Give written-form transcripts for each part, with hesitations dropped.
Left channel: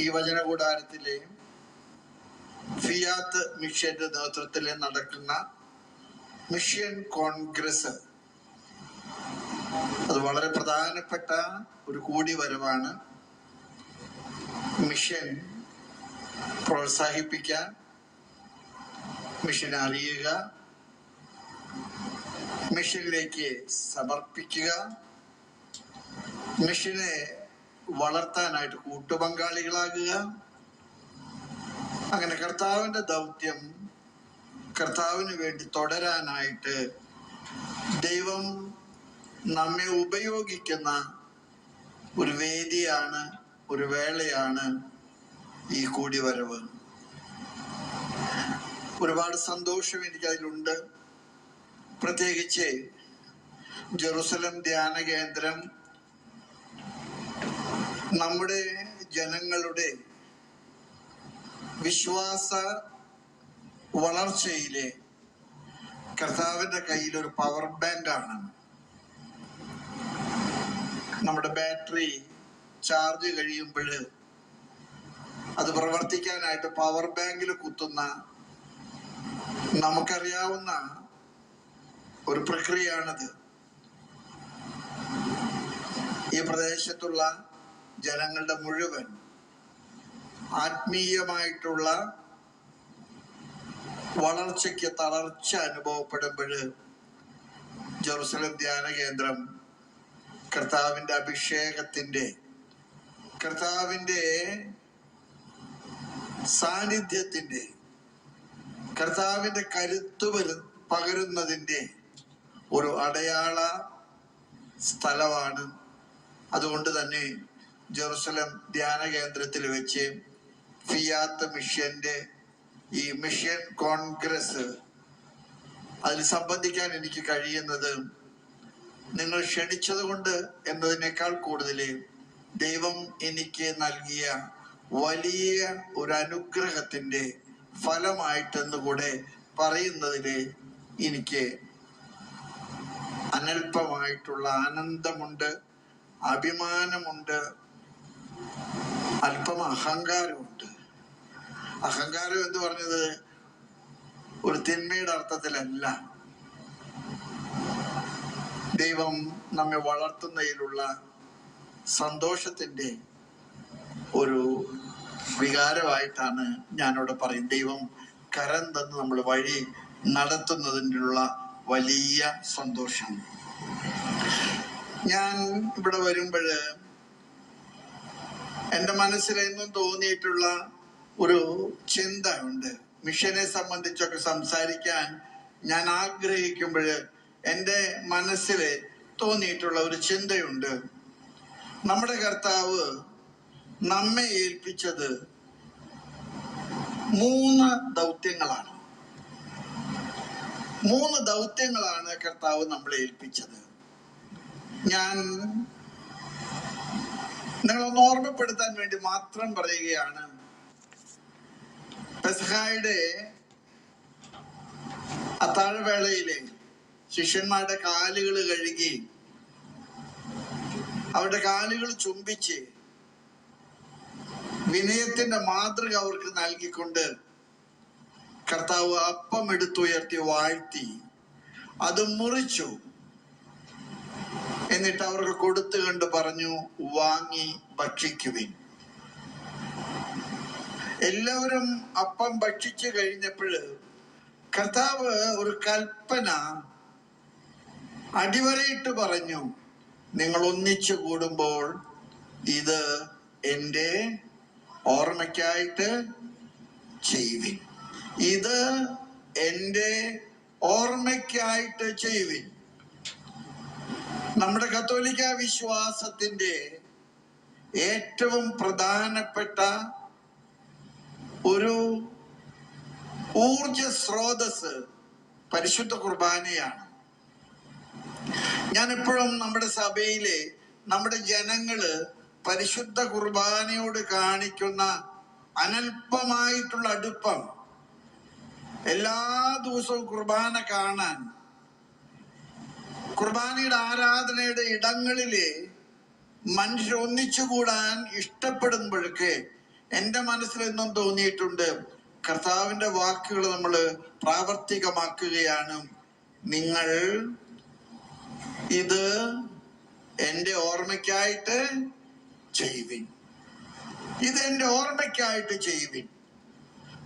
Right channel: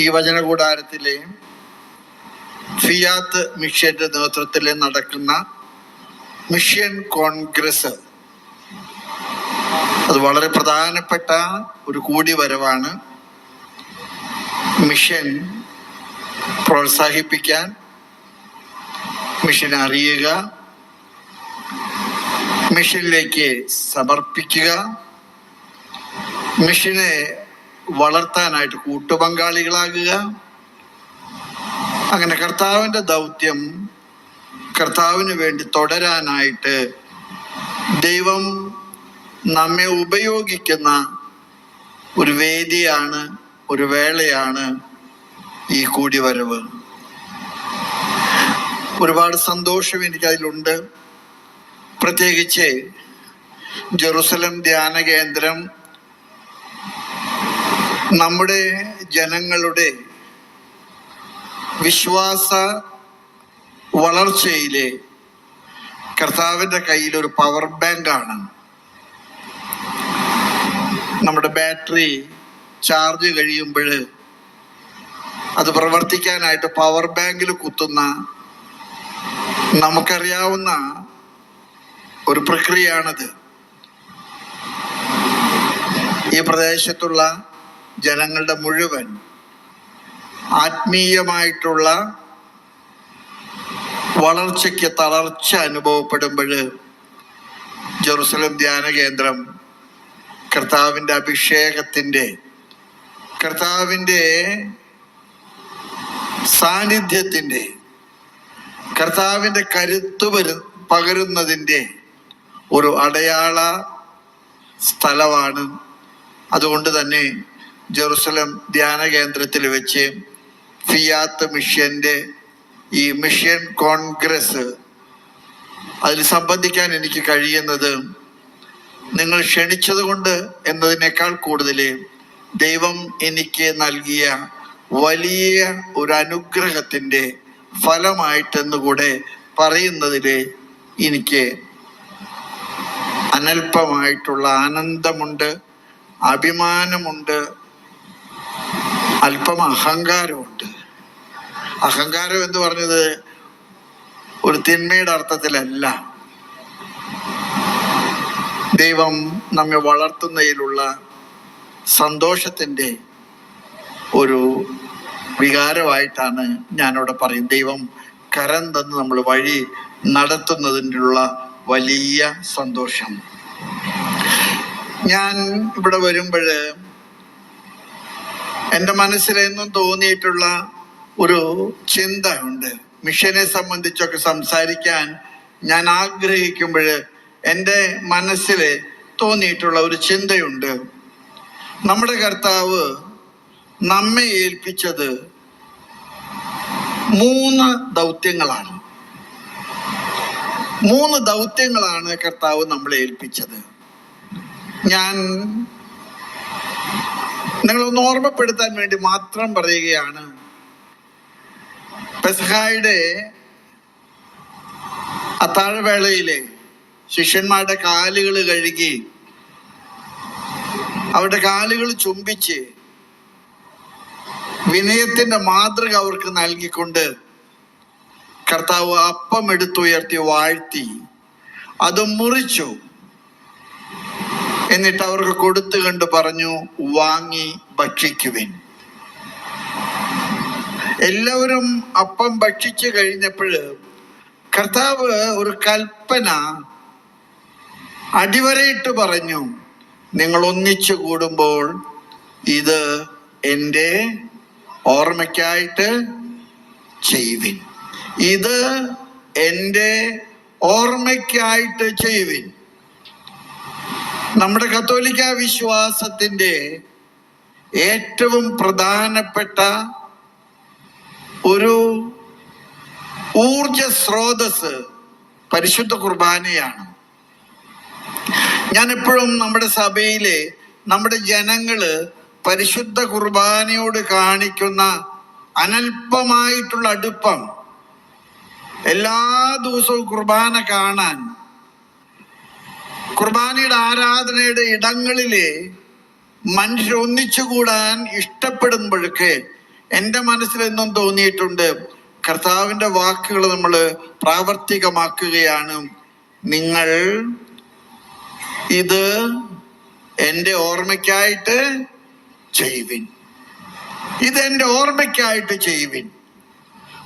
ഈ വചനകൂടാരത്തിലെ ഫിയാത്ത് മിഷന്റെ നേതൃത്വത്തിൽ നടക്കുന്ന മിഷൻ കോൺഗ്രസ്, അത് വളരെ പ്രധാനപ്പെട്ട ഒരു കൂടിവരവാണ്. മിഷൻ പ്രോത്സാഹിപ്പിക്കാൻ, മിഷൻ അറിയുക, മിഷനിലേക്ക് സമർപ്പിക്കുക, മിഷനെ വളർത്താനായിട്ട് കൂട്ടുപങ്കാളികളാകുക. അങ്ങനെ കർത്താവിൻ്റെ ദൗത്യം കർത്താവിന് വേണ്ടി തുടരാനായിട്ട് ദൈവം നമ്മെ ഉപയോഗിക്കുന്ന ഒരു വേദിയാണ്, ഒരു വേളയാണ് ഈ കൂടിവരവ്. ഒരുപാട് സന്തോഷം എനിക്കതിലുണ്ട്. പ്രത്യേകിച്ച് ജെറുസലം ധ്യാന കേന്ദ്രം നമ്മുടെ ജനങ്ങളുടെ വിശ്വാസ വളർച്ചയിലെ കർത്താവിൻ്റെ കയ്യിൽ ഒരു പവർ ബാങ്കാണ്. നമ്മുടെ ബാറ്ററി ചാർജ് കഴിയുമ്പോൾ അത് പ്രവർത്തിക്കാനായിട്ട് പവർ ബാങ്കിൽ കുത്തുന്ന നമുക്കറിയാവുന്ന ഒരു പ്രക്രിയയാണത്. ഈ പ്രദേശത്തുള്ള ജനങ്ങളുടെ മുഴുവൻ ആത്മീയമായിട്ടുള്ള വളർച്ചയ്ക്ക് തളർച്ച അനുഭവപ്പെടുമ്പോൾ ജെറുസലം ധ്യാന കേന്ദ്രം കർത്താവിൻ്റെ അഭിഷേകത്തിൻ്റെ, കർത്താവിൻ്റെ സാന്നിധ്യത്തിൻ്റെ, കർത്താവിൻ്റെ കരുത്ത് പകരുന്നതിൻ്റെ ഒരു അടയാള സ്ഥലമാണ്. അതുകൊണ്ട് തന്നെ ജെറുസലം ധ്യാന കേന്ദ്രത്തിൽ വെച്ച് ഫിയാത്ത് മിഷന്റെ ഈ മിഷൻ കോൺഗ്രസ്, അതിൽ സംബന്ധിക്കാൻ എനിക്ക് കഴിയുന്നത് നിങ്ങൾ ക്ഷണിച്ചത് കൊണ്ട് എന്നതിനേക്കാൾ കൂടുതൽ ദൈവം എനിക്ക് നൽകിയ വലിയ ഒരു അനുഗ്രഹത്തിൻ്റെ ഫലമായിട്ടെന്നുകൂടെ പറയുന്നതിൽ എനിക്ക് അനൽപമായിട്ടുള്ള ആനന്ദമുണ്ട്, അഭിമാനമുണ്ട്, അല്പം അഹങ്കാരമുണ്ട്. അഹങ്കാരം എന്ന് പറഞ്ഞത് ഒരു തിന്മയുടെ അർത്ഥത്തിലല്ല. ദൈവം നമ്മെ വളർത്തുന്നതിലുള്ള സന്തോഷത്തിൻ്റെ ഒരു വികാരമായിട്ടാണ് ഞാനിവിടെ പറയും. ദൈവം കരം തന്ന് നമ്മൾ വഴി നടത്തുന്നതിനുള്ള വലിയ സന്തോഷം. ഞാൻ ഇവിടെ വരുമ്പോൾ എൻ്റെ മനസ്സിലെന്നും തോന്നിയിട്ടുള്ള ഒരു ചിന്ത ഉണ്ട്. മിഷനെ സംബന്ധിച്ചൊക്കെ സംസാരിക്കാൻ ഞാൻ ആഗ്രഹിക്കുമ്പോൾ എൻ്റെ മനസ്സിൽ തോന്നിയിട്ടുള്ള ഒരു ചിന്തയുണ്ട്. നമ്മുടെ കർത്താവ് നമ്മെ ഏൽപ്പിച്ചത് 3 ദൗത്യങ്ങളാണ്. 3 ദൗത്യങ്ങളാണ് കർത്താവ് നമ്മളെ ഏൽപ്പിച്ചത്. ഞാൻ നിങ്ങളൊന്ന് ഓർമ്മപ്പെടുത്താൻ വേണ്ടി മാത്രം പറയുകയാണ്. പെസഹായുടെ അത്താഴവേളയിലെ ശിഷ്യന്മാരുടെ കാലുകൾ കഴുകി, അവരുടെ കാലുകൾ ചുംബിച്ച് വിനയത്തിന്റെ മാതൃക അവർക്ക് നൽകിക്കൊണ്ട് കർത്താവ് അപ്പം എടുത്തുയർത്തി വാഴ്ത്തി അത് മുറിച്ചു. എന്നിട്ട് അവർക്ക് കൊടുത്തു കണ്ട് പറഞ്ഞു, വാങ്ങി ഭക്ഷിക്കുവിൻ. എല്ലാവരും അപ്പം ഭക്ഷിച്ചു കഴിഞ്ഞപ്പോൾ കർത്താവ് ഒരു കൽപ്പന അടിവരയിട്ട് പറഞ്ഞു, നിങ്ങൾ ഒന്നിച്ചു കൂടുമ്പോൾ ഇത് എൻ്റെ ഓർമ്മയ്ക്കായിട്ട് ചെയ്യുവിൻ. ഇത് എൻ്റെ ഓർമ്മയ്ക്കായിട്ട് ചെയ്യുവിൻ. നമ്മുടെ കത്തോലിക്ക വിശ്വാസത്തിൻ്റെ ഏറ്റവും പ്രധാനപ്പെട്ട ഒരു ഊർജ സ്രോതസ് പരിശുദ്ധ കുർബാനയാണ്. ഞാൻ എപ്പോഴും നമ്മുടെ സഭയിലെ നമ്മുടെ ജനങ്ങള് പരിശുദ്ധ കുർബാനയോട് കാണിക്കുന്ന അനൽപമായിട്ടുള്ള അടുപ്പം, എല്ലാ ദിവസവും കുർബാന കാണാൻ, കുർബാനയുടെ ആരാധനയുടെ ഇടങ്ങളിലെ മനുഷ്യർ ഒന്നിച്ചുകൂടാൻ ഇഷ്ടപ്പെടുമ്പോഴൊക്കെ എൻ്റെ മനസ്സിൽ എന്നും തോന്നിയിട്ടുണ്ട്. കർത്താവിൻ്റെ വാക്കുകൾ നമ്മൾ പ്രാവർത്തികമാക്കുകയാണ്. നിങ്ങൾ ഇത് എൻ്റെ ഓർമ്മയ്ക്കായിട്ട് ചെയ്യുവിൻ, ഇതെൻ്റെ ഓർമ്മയ്ക്കായിട്ട് ചെയ്യുവിൻ.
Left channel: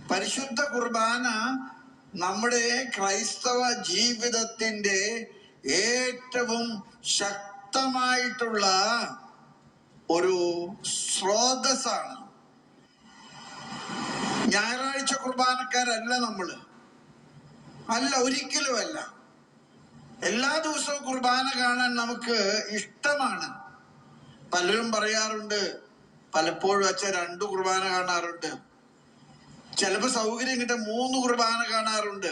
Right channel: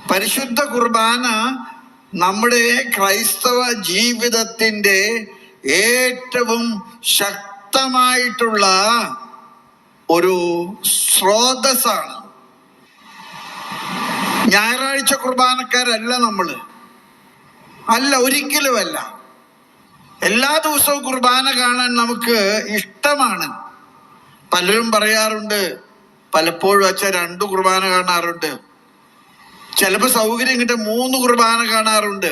പരിശുദ്ധ കുർബാന നമ്മുടെ ക്രൈസ്തവ ജീവിതത്തിൻ്റെ ഏറ്റവും ശക്തമായിട്ടുള്ള ഒരു സ്രോതസ്സാണ്. ഞായറാഴ്ച കുർബാനക്കാരല്ല നമ്മൾ, അല്ല, ഒരിക്കലുമല്ല. എല്ലാ ദിവസവും കുർബാന കാണാൻ നമുക്ക് ഇഷ്ടമാണ്. പലരും പറയാറുണ്ട്, പലപ്പോഴും അച്ഛൻ 2 കുർബാന കാണാറുണ്ട്, ചിലപ്പോൾ സൗകര്യം കിട്ടാൻ 3 കുർബാന കാണാറുണ്ട്.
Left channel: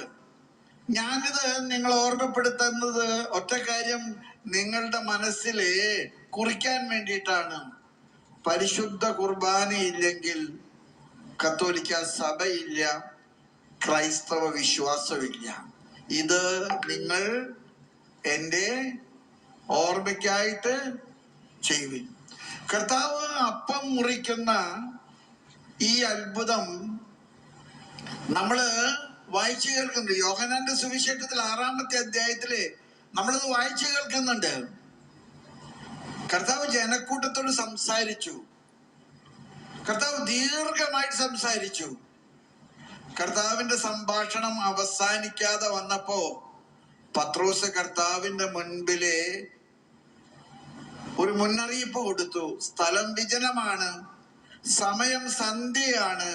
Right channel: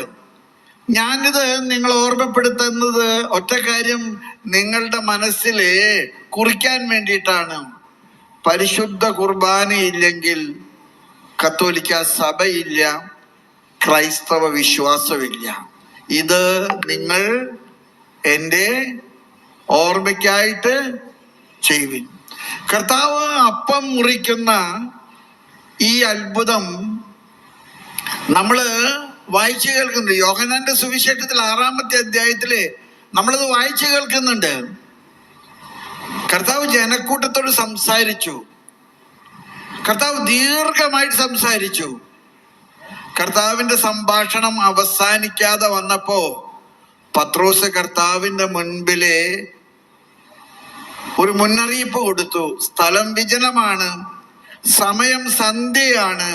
ഞാനിത് നിങ്ങൾ ഓർമ്മപ്പെടുത്തുന്നത് ഒറ്റ കാര്യം നിങ്ങളുടെ മനസ്സിൽ കുറിക്കാൻ വേണ്ടിയിട്ടാണ്. പരിശുദ്ധ കുർബാനയില്ലെങ്കിൽ കത്തോലിക്ക സഭയില്ല, ക്രൈസ്തവ വിശ്വാസമില്ല. ഇത് നിങ്ങൾ എൻ്റെ ഓർമ്മയ്ക്കായിട്ട് ചെയ്യുവിൻ. കർത്താവ് അപ്പം മുറിക്കുന്ന ഈ അത്ഭുതം നമ്മള് വായിച്ചു കേൾക്കുന്നുണ്ട്. യോഹന്നാന്റെ സുവിശേഷത്തിൽ 6-ാമത്തെ അധ്യായത്തില് നമ്മളത് വായിച്ചു കേൾക്കുന്നുണ്ട്. കർത്താവ് ജനക്കൂട്ടത്തോട് സംസാരിച്ചു. കർത്താവ് ദീർഘമായിട്ട് സംസാരിച്ചു. കർത്താവിന്റെ സംഭാഷണം അവസാനിക്കാതെ വന്നപ്പോ പത്രോസ് കർത്താവിന്റെ മുൻപിലെ ഒരു മുന്നറിയിപ്പ് കൊടുത്തു. സ്ഥലം വിജനമാണ്, സമയം സന്ധ്യയാണ്,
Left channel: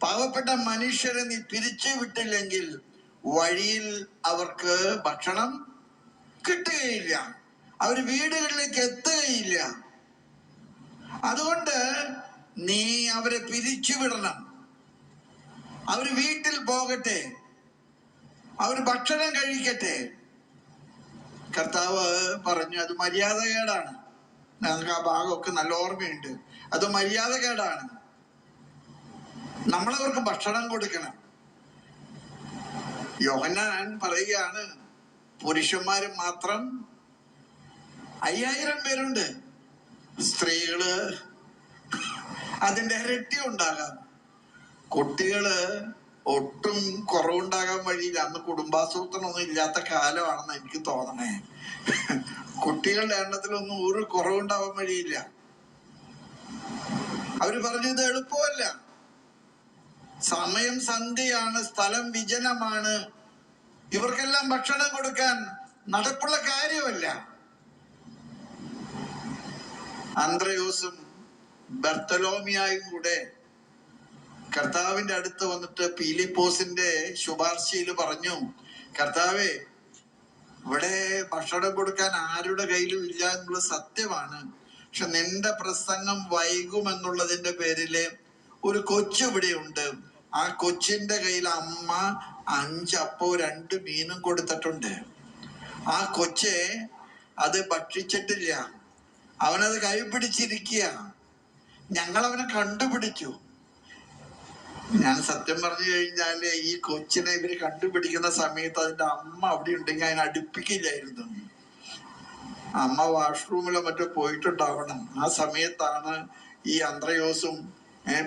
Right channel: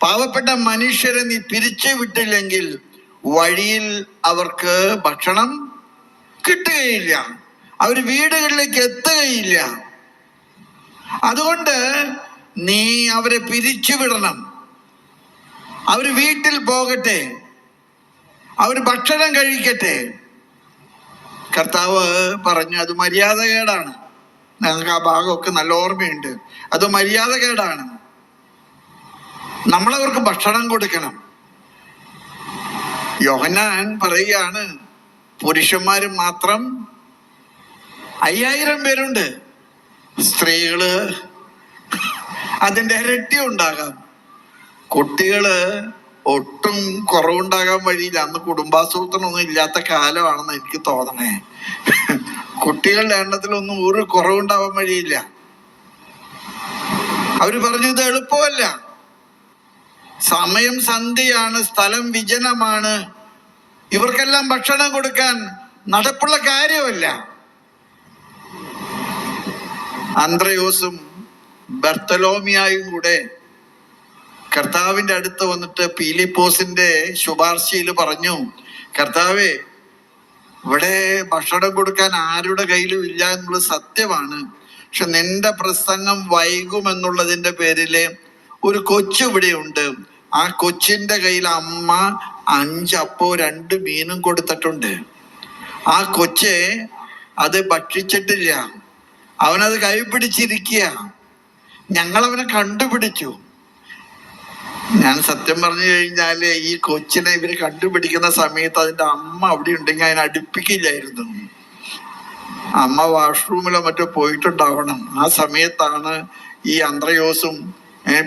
പാവപ്പെട്ട മനുഷ്യരെ നീ പിരിച്ചു വിട്ടില്ലെങ്കിൽ വഴിയിൽ അവർക്ക് ഭക്ഷണം കിട്ടുകയില്ല, അവർ വീടുകളിലേക്ക് എത്തുകയില്ല. അതുകൊണ്ട് നീ അവരെ പിരിച്ചുവിടണം. അവർ വീട്ടിൽ പോകട്ടെ, അവർ ഭക്ഷണം കഴിക്കട്ടെ. കർത്താവ് പറഞ്ഞു, അത് മര്യാദകേടാണ്. ഞങ്ങൾക്ക് ആ ഭാഗമൊക്കെ നല്ല ഓർമ്മയുണ്ട്. അത് മര്യാദകേടാണ്. നമ്മളവർക്ക് ഭക്ഷണം കൊടുക്കണം. യോഹന്നാൻ പറയുകയാണ്, പുരുഷന്മാര് മാത്രം 5000 പേരുണ്ട്, സ്ത്രീകള് അതിൻ്റെ ഇരട്ടി ഉണ്ടാകാം, കുട്ടികള് ഒട്ടും കുറവുണ്ടാകാൻ വഴിയില്ല. അന്ന് കുടുംബാസൂത്രണമൊന്നും ഇല്ലാത്ത കാലമാണെന്ന് എനിക്ക് തോന്നണേ. കുട്ടികളുടെ എണ്ണത്തിലൊന്നും ഒരു കുറവുണ്ടാവാൻ വഴിയില്ല. അവര് പറഞ്ഞു, ഇത് എളുപ്പമല്ല, സമയം സന്ധ്യയാണ്, സ്ഥലം വിജനമാണ്, ഇവർക്കെല്ലാം ഭക്ഷണം കൊടുക്കാൻ നടപ്പുള്ള കാര്യമല്ല. അന്ത്രയോസും ബർത്തലോമിയായും കൂടെ കർത്താവിന്റെ അടുത്ത് വന്നിട്ട് പീലിപ്പോസിന്റെ ശുപാർശയിൽ പറഞ്ഞു, കർത്താവേ, ഇവിടെ ഭക്ഷണം കൊടുക്കാൻ ആരുടെ കയ്യിലും ഇല്ല എന്നുള്ളത് സത്യമാണ്. പക്ഷെ നിന്റെ പ്രസംഗം വൈകുമെന്നുള്ളതിന്റെ പേരില് ഒരു കൊച്ചു ഇവിടെയുണ്ട്. ആ കൊച്ചിന്റെ കയ്യിൽ അമ്മ 5 അപ്പവും 2 മീനും കൊടുത്തിട്ടുണ്ട്. ആ കൊച്ച് അത് ഭക്ഷിച്ചിട്ടില്ല, അവനത് കൈപിടിച്ചിരിക്കുക. ഞങ്ങൾ അവനെ കണ്ടുപിടിച്ചു. ഞാൻ സത്യം പറഞ്ഞു കഴിഞ്ഞാല് ഈ കൊച്ചിനെ ഇവര് കണ്ടുപിടിക്കുന്ന സമയത്ത് അതിന്റെ അമ്മ അവിടെ ഉണ്ടെങ്കിൽ അതിനെ അടുപ്പിക്കില്ലായിരുന്നു. അമ്മ വാഷ്റൂമിലോ മറ്റോ പോയിട്ടുണ്ടാവണം. ആ സമയത്താണ് ഈ അന്ത്രയോസും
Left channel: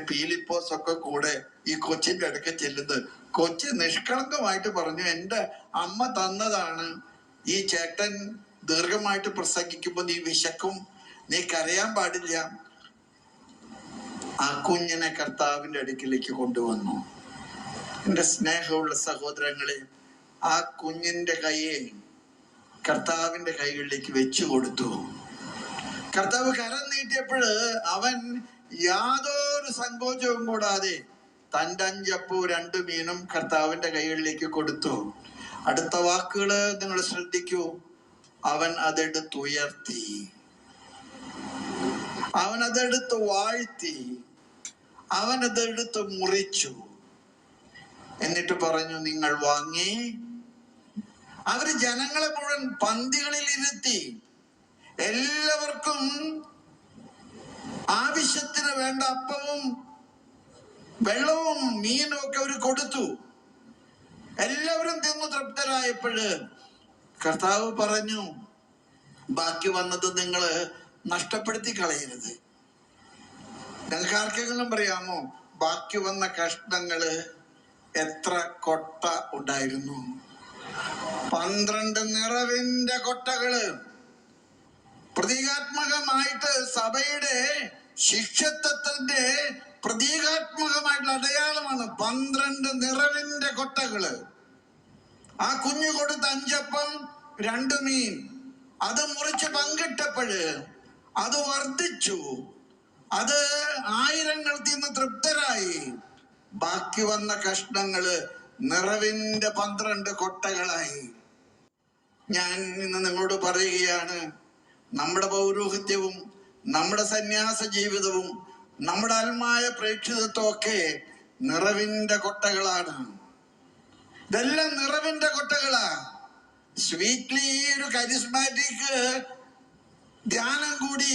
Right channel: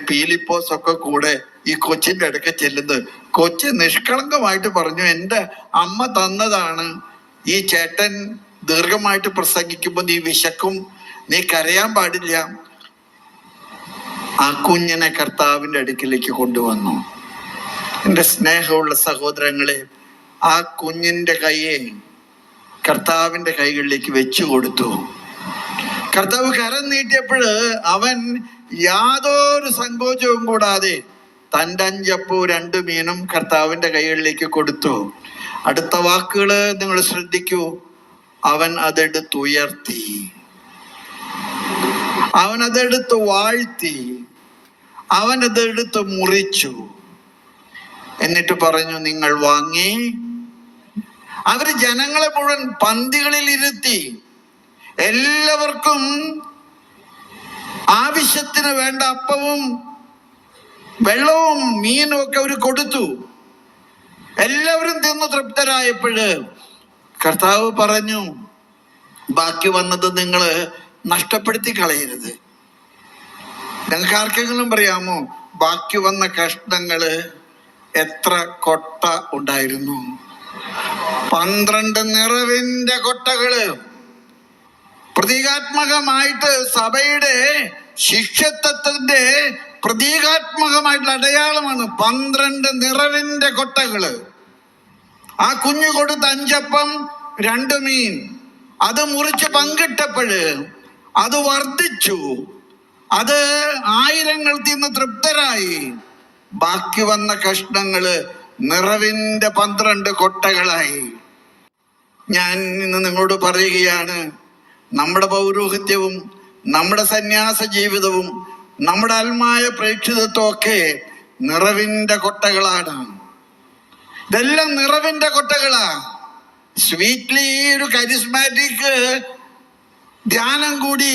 പീലിപ്പോസ് ഒക്കെ കൂടെ ഈ കൊച്ചിന്റെ അടുക്ക ചെല്ലുന്നത്. കൊച്ചി നിഷ്കളങ്കമായിട്ട് പറഞ്ഞു, എൻ്റെ അമ്മ തന്നതാണ്. ഈ ചേട്ടൻ ദീർഘമായിട്ട് പ്രസംഗിക്കുമ്പോൾ നീ വിശക്കും, നീ കരയാൻ പാടില്ല. ആ കുഞ്ഞിനെ കർത്താവിന്റെ അടുക്കിലേക്ക് കൊണ്ടുവന്നു. എൻ്റെ സ്നേഹമുള്ള സഹോദരങ്ങളെ, ആ കുഞ്ഞിന്റെ കൈയെ കർത്താവിന്റെ കൈകളിലേക്ക് വെച്ചു കൊടുത്തു. കർത്താവ് കരം നീട്ടിയപ്പോൾ അവൻ യാതൊരു സങ്കോചവും കൂടാതെ തൻ്റെ 5 അപ്പവും 2 മീനും കർത്താവിന്റെ കൈകളിലേക്ക് കൊടുത്തു. അടുത്ത വാക്കുകള് നിങ്ങൾ ശ്രദ്ധിക്കൂ. അവൻ അതെടുത്തുയർത്തി, അവൻ അതെടുത്ത് വാഴ്ത്തി, അവൻ അതെടുത്ത് മുറിച്ചു, എന്നിട്ട് പറഞ്ഞു, നിങ്ങൾ വാങ്ങി. അവര് ജനങ്ങളെ മുഴുവൻ പന്തികളിൽ ഇരുത്തി എല്ലാവർക്കും ആവശ്യത്തിന് വേണ്ട അപ്പവും വെള്ളവും മീനും ഒക്കെ അവർ കൊടുത്തു. എല്ലാവരും തിന്നു തൃപ്തരായപ്പോഴ് കർത്താവ് പറഞ്ഞു, ബാക്കി വന്നത് നിങ്ങൾ നഷ്ടപ്പെടുത്തി കളയരുത്. നിങ്ങൾക്ക് ആർക്കെങ്കിലും പറയാമോ ബാക്കി വന്ന കഷ്ണങ്ങള് എത്ര കൊട്ട ഉണ്ടായിരുന്നു? 12 നിറവിന്റെ കൊട്ടകള്. പ്രതീകാത്മകമായിട്ട് സഭയുടെ ശിഷ്യത്വത്തിന്റെ പ്രതീകാത്മകമായിട്ടുള്ള അടയാളമാണ് 12 നിറവിന്റെ കൊട്ടകള്. ആ കുഞ്ഞു കൊടുത്ത 5 അപ്പം 2 മീൻ അത് മുറിച്ച് പങ്കിട്ടപ്പോഴ് അത് വർദ്ധിച്ചു. അത് ആയിരങ്ങൾ തിന്ന് തൃപ്തരായി. ബാക്കി വന്ന കഷ്ണങ്ങള് നിറവിന്റെ 12 കൊട്ടകളായി. ഞാൻ ഇന്ന് നിങ്ങളോട് പറയുകയാണ്, നമ്മുടെ പൗരോഹിത്യവും നമ്മുടെ സന്യാസ ജീവിതവും നമ്മുടെ ആത്മായ പ്രേക്ഷിതത്വം ഒക്കെ നിറവിന്റെ കൊട്ടകളാണ്. ഇതെല്ലാം നിറവിന്റെ കൊട്ടകളാ. സ്വീറ്റ്ലി ഒരു കരിസ്മാറ്റിക് ധ്യാനം കൂടി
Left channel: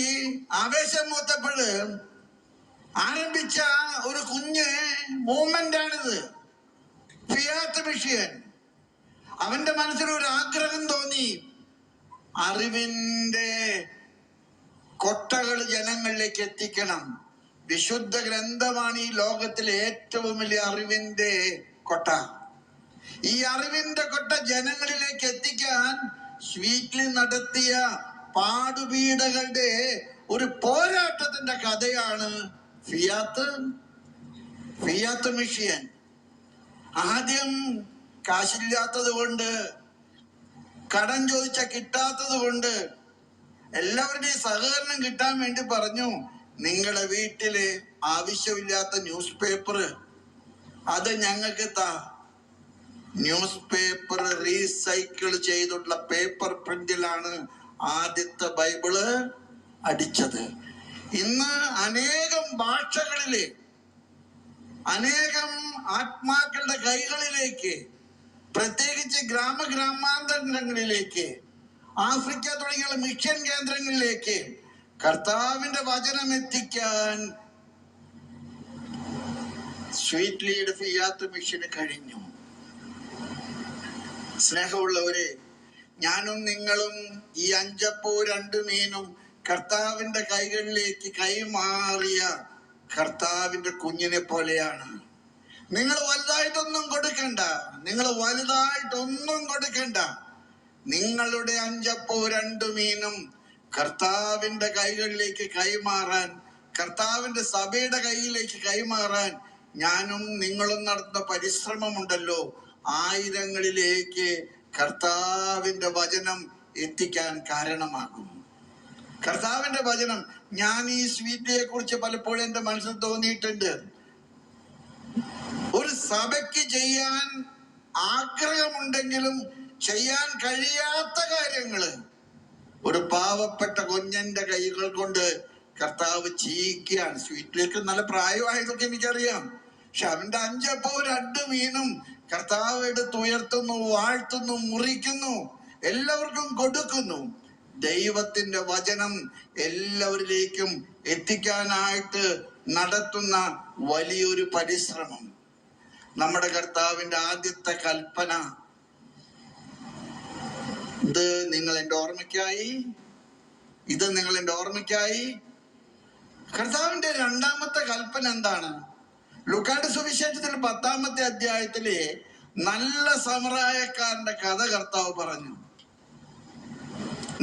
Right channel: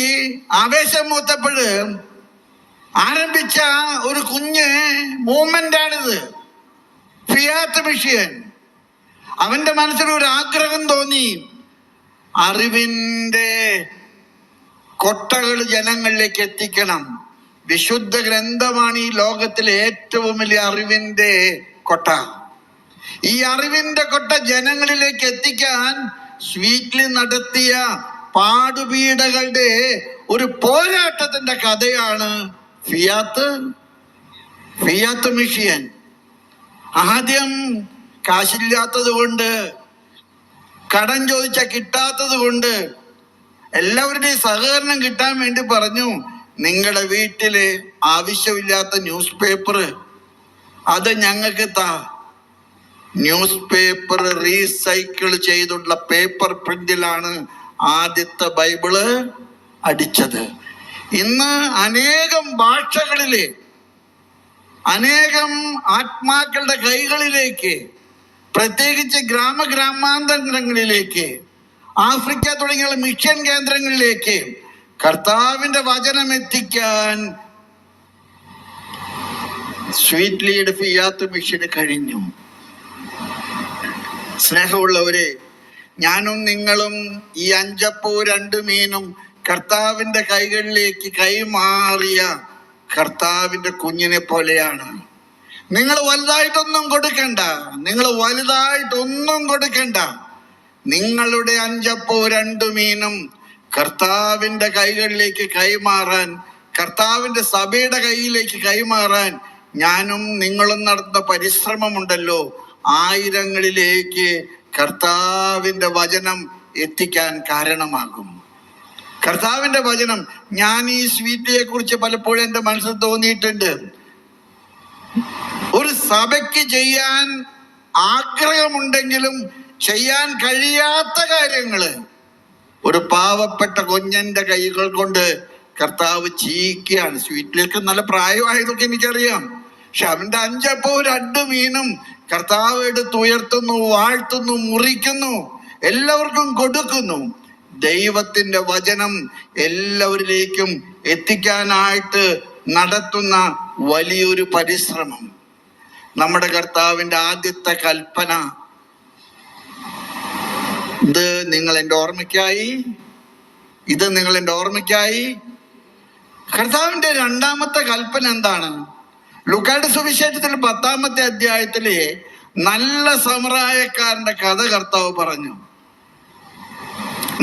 ആവേശം മൂത്തപ്പോഴ് ആരംഭിച്ച ഒരു കുഞ്ഞ് മൂവ്മെന്റ് ആണിത്. Fiat mission. അവന്റെ മനസ്സിലൊരു ആഗ്രഹം തോന്നി, അറിവിന്റെ കൊട്ടകൾ ജനങ്ങളിലേക്ക് എത്തിക്കണം. വിശുദ്ധ ഗ്രന്ഥമാണ് ഈ ലോകത്തിലെ ഏറ്റവും വലിയ അറിവിന്റെ കൊട്ട. ഈ അറിവിന്റെ കൊട്ട ജനങ്ങളിലേക്ക് എത്തിക്കാൻ സ്വീറ്റ്ലി നടത്തിയ പാടുപീടകളുടെ ഒരു പോരാട്ടത്തിന്റെ കഥയാണ് ഫിയാത്ത് മിഷൻ. ആദ്യം കാശില്ലാത്തത് കൊണ്ട്, കടം ചോദിച്ച കിട്ടാത്തത് കൊണ്ട് എല്ലാവരുടെയും സഹകരണം കിട്ടാൻ വേണ്ടി പറഞ്ഞു, നിങ്ങളുടെ വീട്ടില് ആവശ്യമില്ലാത്ത ന്യൂസ് പേപ്പർ അത് ഞങ്ങൾക്ക് താ. ന്യൂസ് പേപ്പർ റീസൈക്കിൾ ചെയ്തുള്ള പേപ്പർ പ്രിന്റിലാണ് ആദ്യത്തെ ബൈബിള് അടിച്ചത്. ഇന്ന് അനേകം ഭാഷകളിലെ അനേകം ആത്മാക്കളുടെ കൈകളിലേക്ക്, പ്രത്യേകിച്ച് ഗ്രാമാന്തരങ്ങളിലേക്ക്, ആഫ്രിക്ക തുടങ്ങിയ മിഷൻ കേന്ദ്രങ്ങളിലേക്ക് കർത്താവിന്റെ വചനം എത്തിക്കാൻ സ്വീറ്റ്ലിയുടെ ഫിയാത്ത് മിഷന് കഴിഞ്ഞു. സ്നേഹമുള്ളവരെ, ഞാനും നിങ്ങളും ഈ 5 അപ്പവും 2 മീനും കർത്താവിന്റെ കൈകളിലേക്ക് കൈമാറിയ കർത്താവിന്റെ കുഞ്ഞിനെ പോലെയാണ്. നിങ്ങൾ വലുതായിട്ടൊന്നും കൊടുക്കണ്ട, നിങ്ങളുടെ 5 അപ്പവും 2 മീനും കർത്താവിന്റെ കൈകളിലേക്ക് കൈമാറാൻ, കർത്താവിന്റെ സഭയുടെ കയ്യിലേക്ക് കൈമാറാൻ ഞാനും നിങ്ങളും നടത്തുന്ന പരിശ്രമമുണ്ടല്ലോ, ആയിരങ്ങളിലേക്ക് കർത്താവിന്റെ വചനം എത്തിക്കാൻ കാരണമാകും. കർത്താവിന്റെ വചനം. ഞാൻ ഈ സ്വീറ്റിയെ കുറിച്ച് പലപ്പോഴും എന്റെ മനസ്സിൽ തോന്നിയിട്ടുണ്ട്. ഒരു സഭയ്ക്ക് ചെയ്യാൻ ആഗ്രഹമുണ്ടെങ്കിലും ചെയ്യാൻ കഴിയാത്ത കാര്യങ്ങള് ഒരു പാവപ്പെട്ട കുഞ്ഞന്റെ കൈകൾ കൊണ്ട് കർത്താവ് ചെയ്യിക്കുകയാണ്. സ്വീറ്റിലേക്ക് നല്ല പ്രായമായതൊക്കെ എനിക്കറിയാം. പക്ഷെ അവന്റെ 5 അപ്പവും 2 മീനും കർത്താവ് എടുത്ത് ഉയർത്തുന്നു, വാഴ്ത്തുന്നു, മുറിക്കുന്നു, എല്ലാവർക്കും കൊടുക്കുന്നു. ദൈവത്തിന്റെ വചനം എല്ലാവരിലേക്കും എത്തിക്കാനായിട്ട് നടത്തുന്ന വലിയൊരു പരിശ്രമം. നമ്മുടെ കർത്താവിന്റെ ആദ്യത്തെ കൽപ്പന, ഇത് നിങ്ങൾ എൻ്റെ ഓർമ്മയ്ക്കായി. കർത്താവിന്റെ 2ാമത്തെ കൽപ്പന എന്താണ്? ലൂക്കായുടെ സുവിശേഷത്തിൽ 10-ാമത്തെ അധ്യായത്തിലെ നല്ല സമറായക്കാരന്റെ കഥ കർത്താവ് പറഞ്ഞു.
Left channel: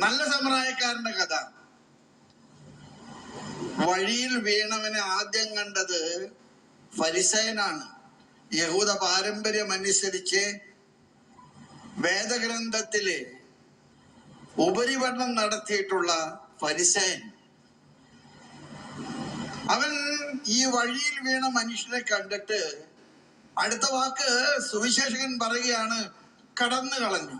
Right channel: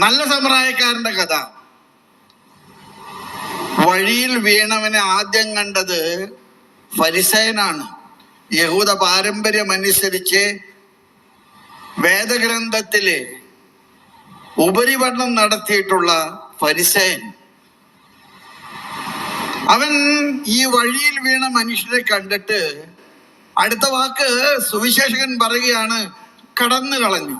നല്ല സമറായക്കാരന്റെ കഥ. വഴിയിൽ വീണവനെ ആദ്യം കണ്ടത് ഫരിസയനാണ്. യഹൂദ പാരമ്പര്യം അനുസരിച്ച് വേദഗ്രന്ഥത്തിലെ ഉപരിപഠനം നടത്തിയിട്ടുള്ള ഫരിസയൻ. അവൻ ഈ വഴിയിൽ വീണ മനുഷ്യരെ കണ്ടിട്ട് അടുത്ത വാക്ക് സുവിശേഷകൻ പറയുകയാണ്, കടന്നു കളഞ്ഞു.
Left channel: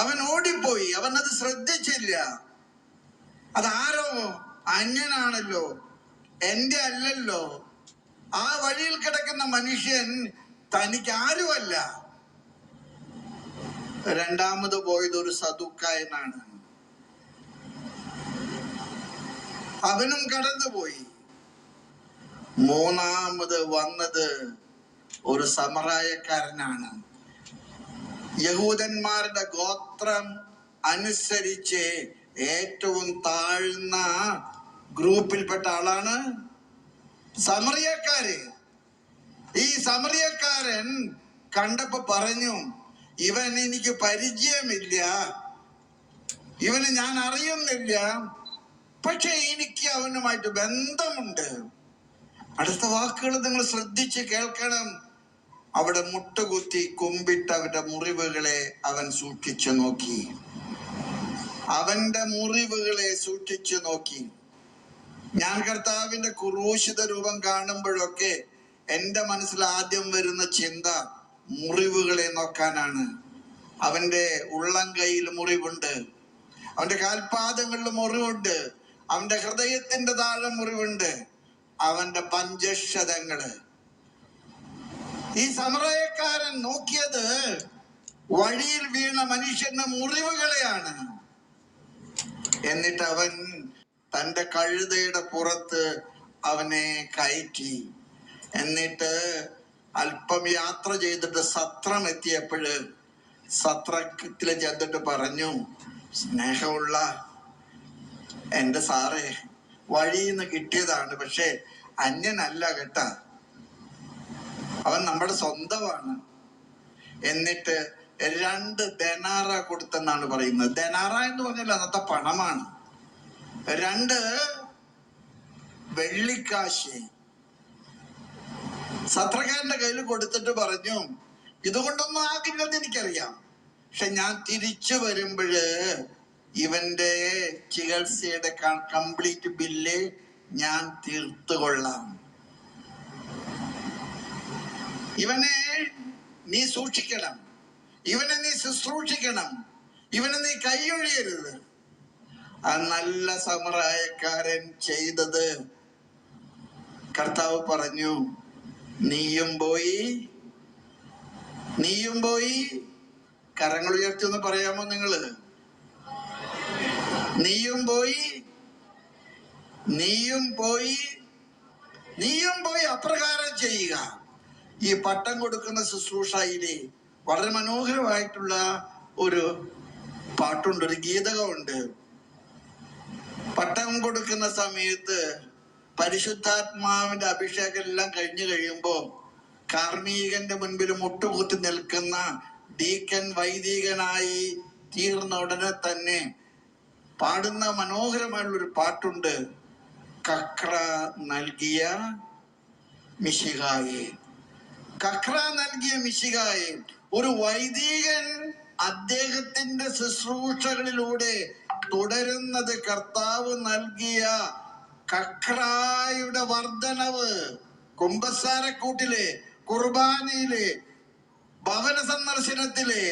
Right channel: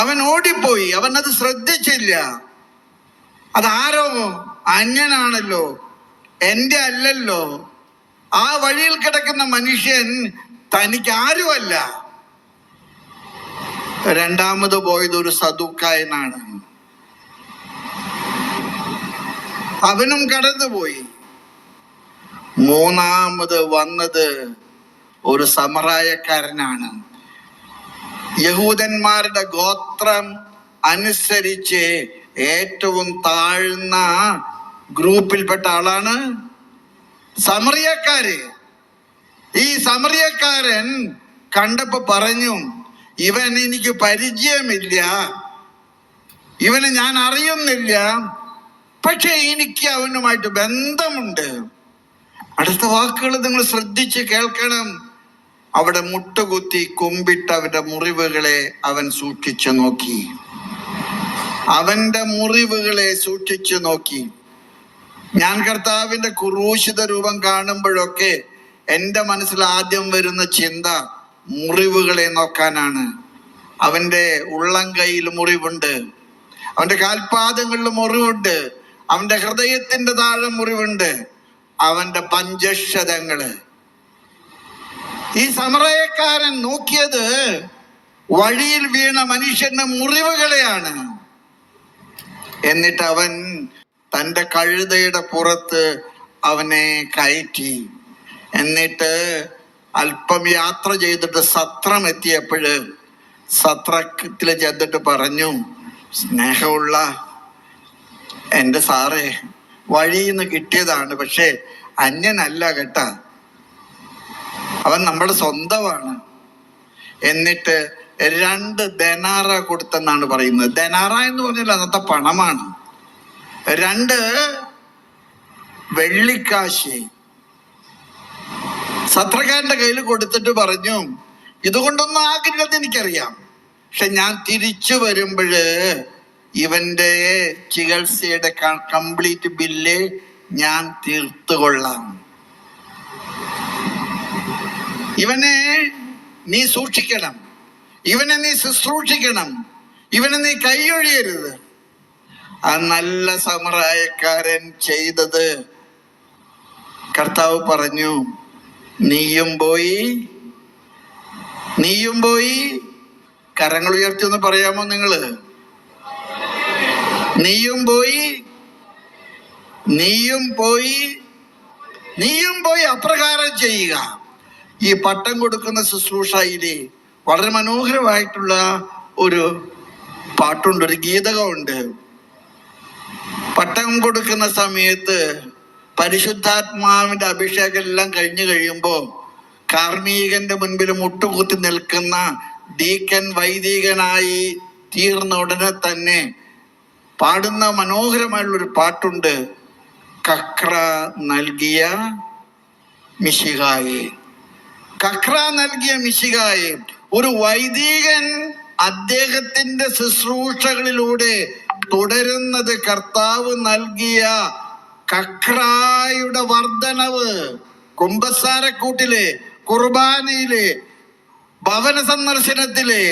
അവൻ ഓടിപ്പോയി. അവൻ അത് ശ്രദ്ധിച്ചില്ല. അതാരോ അന്യനാണല്ലോ, എൻ്റെ അല്ലല്ലോ. ആ വഴിയിൽ കിടക്കുന്ന മനുഷ്യൻ തനിക്ക് ആരുമല്ല. രണ്ടാമത് പോയത് ഒരു സദൂക്കായനാണ്. അവനും കടന്നുപോയി. മൂന്നാമത് വന്നത് ഒരു സമറായക്കാരനാണ്. യഹൂദന്മാരുടെ ഗോത്രം അനുസരിച്ച് ഏറ്റവും താഴ്ന്ന ഗ്രൂപ്പിൽപ്പെട്ട ആളാണ് സമറിയക്കാര്. ഈ സമറിയക്കാരൻ കണ്ടപ്പോ പറഞ്ഞു, ഇവൻ എനിക്ക് പരിചയമില്ല, ഇവനെ ഞാൻ അറിയുന്നില്ല, പക്ഷെ എനിക്ക് അവനുമായിട്ട് ബന്ധമുണ്ട്. അടുത്ത വാക്കുകൾ നിങ്ങൾ ശ്രദ്ധിച്ച് കേൾക്കണം. അവിടെ മുട്ടുകുത്തി കുമ്പിട്ട് അവന്റെ മുറിവുകളെ അവൻ സൂക്ഷിച്ചു നോക്കി. അവന്റെ മുറിവുകളെ സൂക്ഷിച്ചു നോക്കി. ഞാൻ കർത്താവിന്റെ ക്രൂശിത രൂപം കാണുമ്പോഴൊക്കെ എൻ്റെ മനസ്സിൽ ആദ്യം വരുന്ന ചിന്ത മുറിവുകളെ നോക്കാനാണ്. അവന്റെ ഉള്ളം കൈയിൽ മുറിവുണ്ട്, അവന്റെ കാൽപാദങ്ങളിൽ മുറിവുണ്ട്, അവന്റെ ഹൃദയത്തിന്റെ താഴെ മുറിവുണ്ട്, അവന്റെ പഞ്ചക്ഷതങ്ങള്. ഈ സമറയക്കാരൻ നോക്കിയത് വഴിയിൽ വീണ മനുഷ്യന്റെ മുറിവുകളെയാണ്. എന്നിട്ട് അവൻ തൻ്റെ കഴുതയുടെ പുറത്ത് അവനെ കയറ്റി. എന്നിട്ട് അല്പം യാത്ര ചെയ്തിട്ട് സത്രം എത്തിയപ്പോഴ് സത്രത്തിൽ ചെന്നിട്ട് പറഞ്ഞു, സ്നേഹമുള്ള എൻ്റെ സാറേ, വഴിയിൽ നിന്ന് കിട്ടിയതാണ്, പക്ഷെ അന്യനല്ല കേട്ടാ, അവൻ നമ്മുടെ സ്വന്തമാണ്. എന്നിട്ട് 2 ദനാറ കൊടുത്തെന്നാണ് പറയുന്നത്. ദനാറ എന്ന് പറഞ്ഞാൽ അന്നത്തെ പണമാണ്. 2 വെള്ളിക്കാശ് സത്രക്കാരന്റെ കയ്യിൽ കൊടുത്തിട്ട് പറഞ്ഞു, ഇതുകൊണ്ടൊന്നും ആകരുത് എനിക്കറിയാം, പക്ഷെ ഞാൻ തിരിച്ചു വരുമ്പോഴ് ഇവന്റെ ചികിത്സയുടെ കംപ്ലീറ്റ് ബില്ല് ഞാൻ തീർത്തുകൊള്ളാം. ഇവനെ നീ സൂക്ഷിക്കണം, ഇവനെ നീ ശുശ്രൂഷിക്കണം, ഇവനെ നീ കൈയൊഴിയരുത്. ആ നല്ല സമറായക്കാരൻ ചെയ്തത്, കർത്താവ് പറഞ്ഞു, നീയും പോയി കരങ്ങൾ ഉയർത്തി ഒന്ന് പറയാമോ നിങ്ങള്? നീയും പോയി അപ്രകാരം ചെയ്യുക. ഈ പട്ടം കൊടുക്കുന്ന ശുശ്രൂഷയിലെ വളരെ മനോഹരമായിട്ടുള്ള ഒരു പാട്ടുണ്ട്, ഒരു ഗീതകമുണ്ട്. പട്ടം കൊടുക്കുന്ന സമയത്ത് പരിശുദ്ധാത്മാവിന്റെ അഭിഷേകം എല്ലാം കഴിഞ്ഞു കഴിയുമ്പോ കാർമീകന്റെ മുൻപിൽ മുട്ടുകുത്തി നിൽക്കുന്ന ഡീക്കൻ വൈദികനായി തീർന്ന ഉടനെ തന്നെ പാടുന്ന മനോഹരമായിട്ടുള്ളൊരു പാട്ടുണ്ട്, കക്ര നൽകിയ മിശിഹായെ. കക്ര നൽകിയ മിശിഹായെ. ഒരു വൈദികൻ അദ്ദേഹത്തിന്റെ ശുശ്രൂഷകളിലൂടെ തുടരുന്നത് കർത്താവ് നൽകിയ കക്രായുടെ വർധനവ്. കുമ്പസാരക്കൂട്ടിലെ, കുർബാനയിലെ, ഭവന സന്ദർശനത്തിലെ,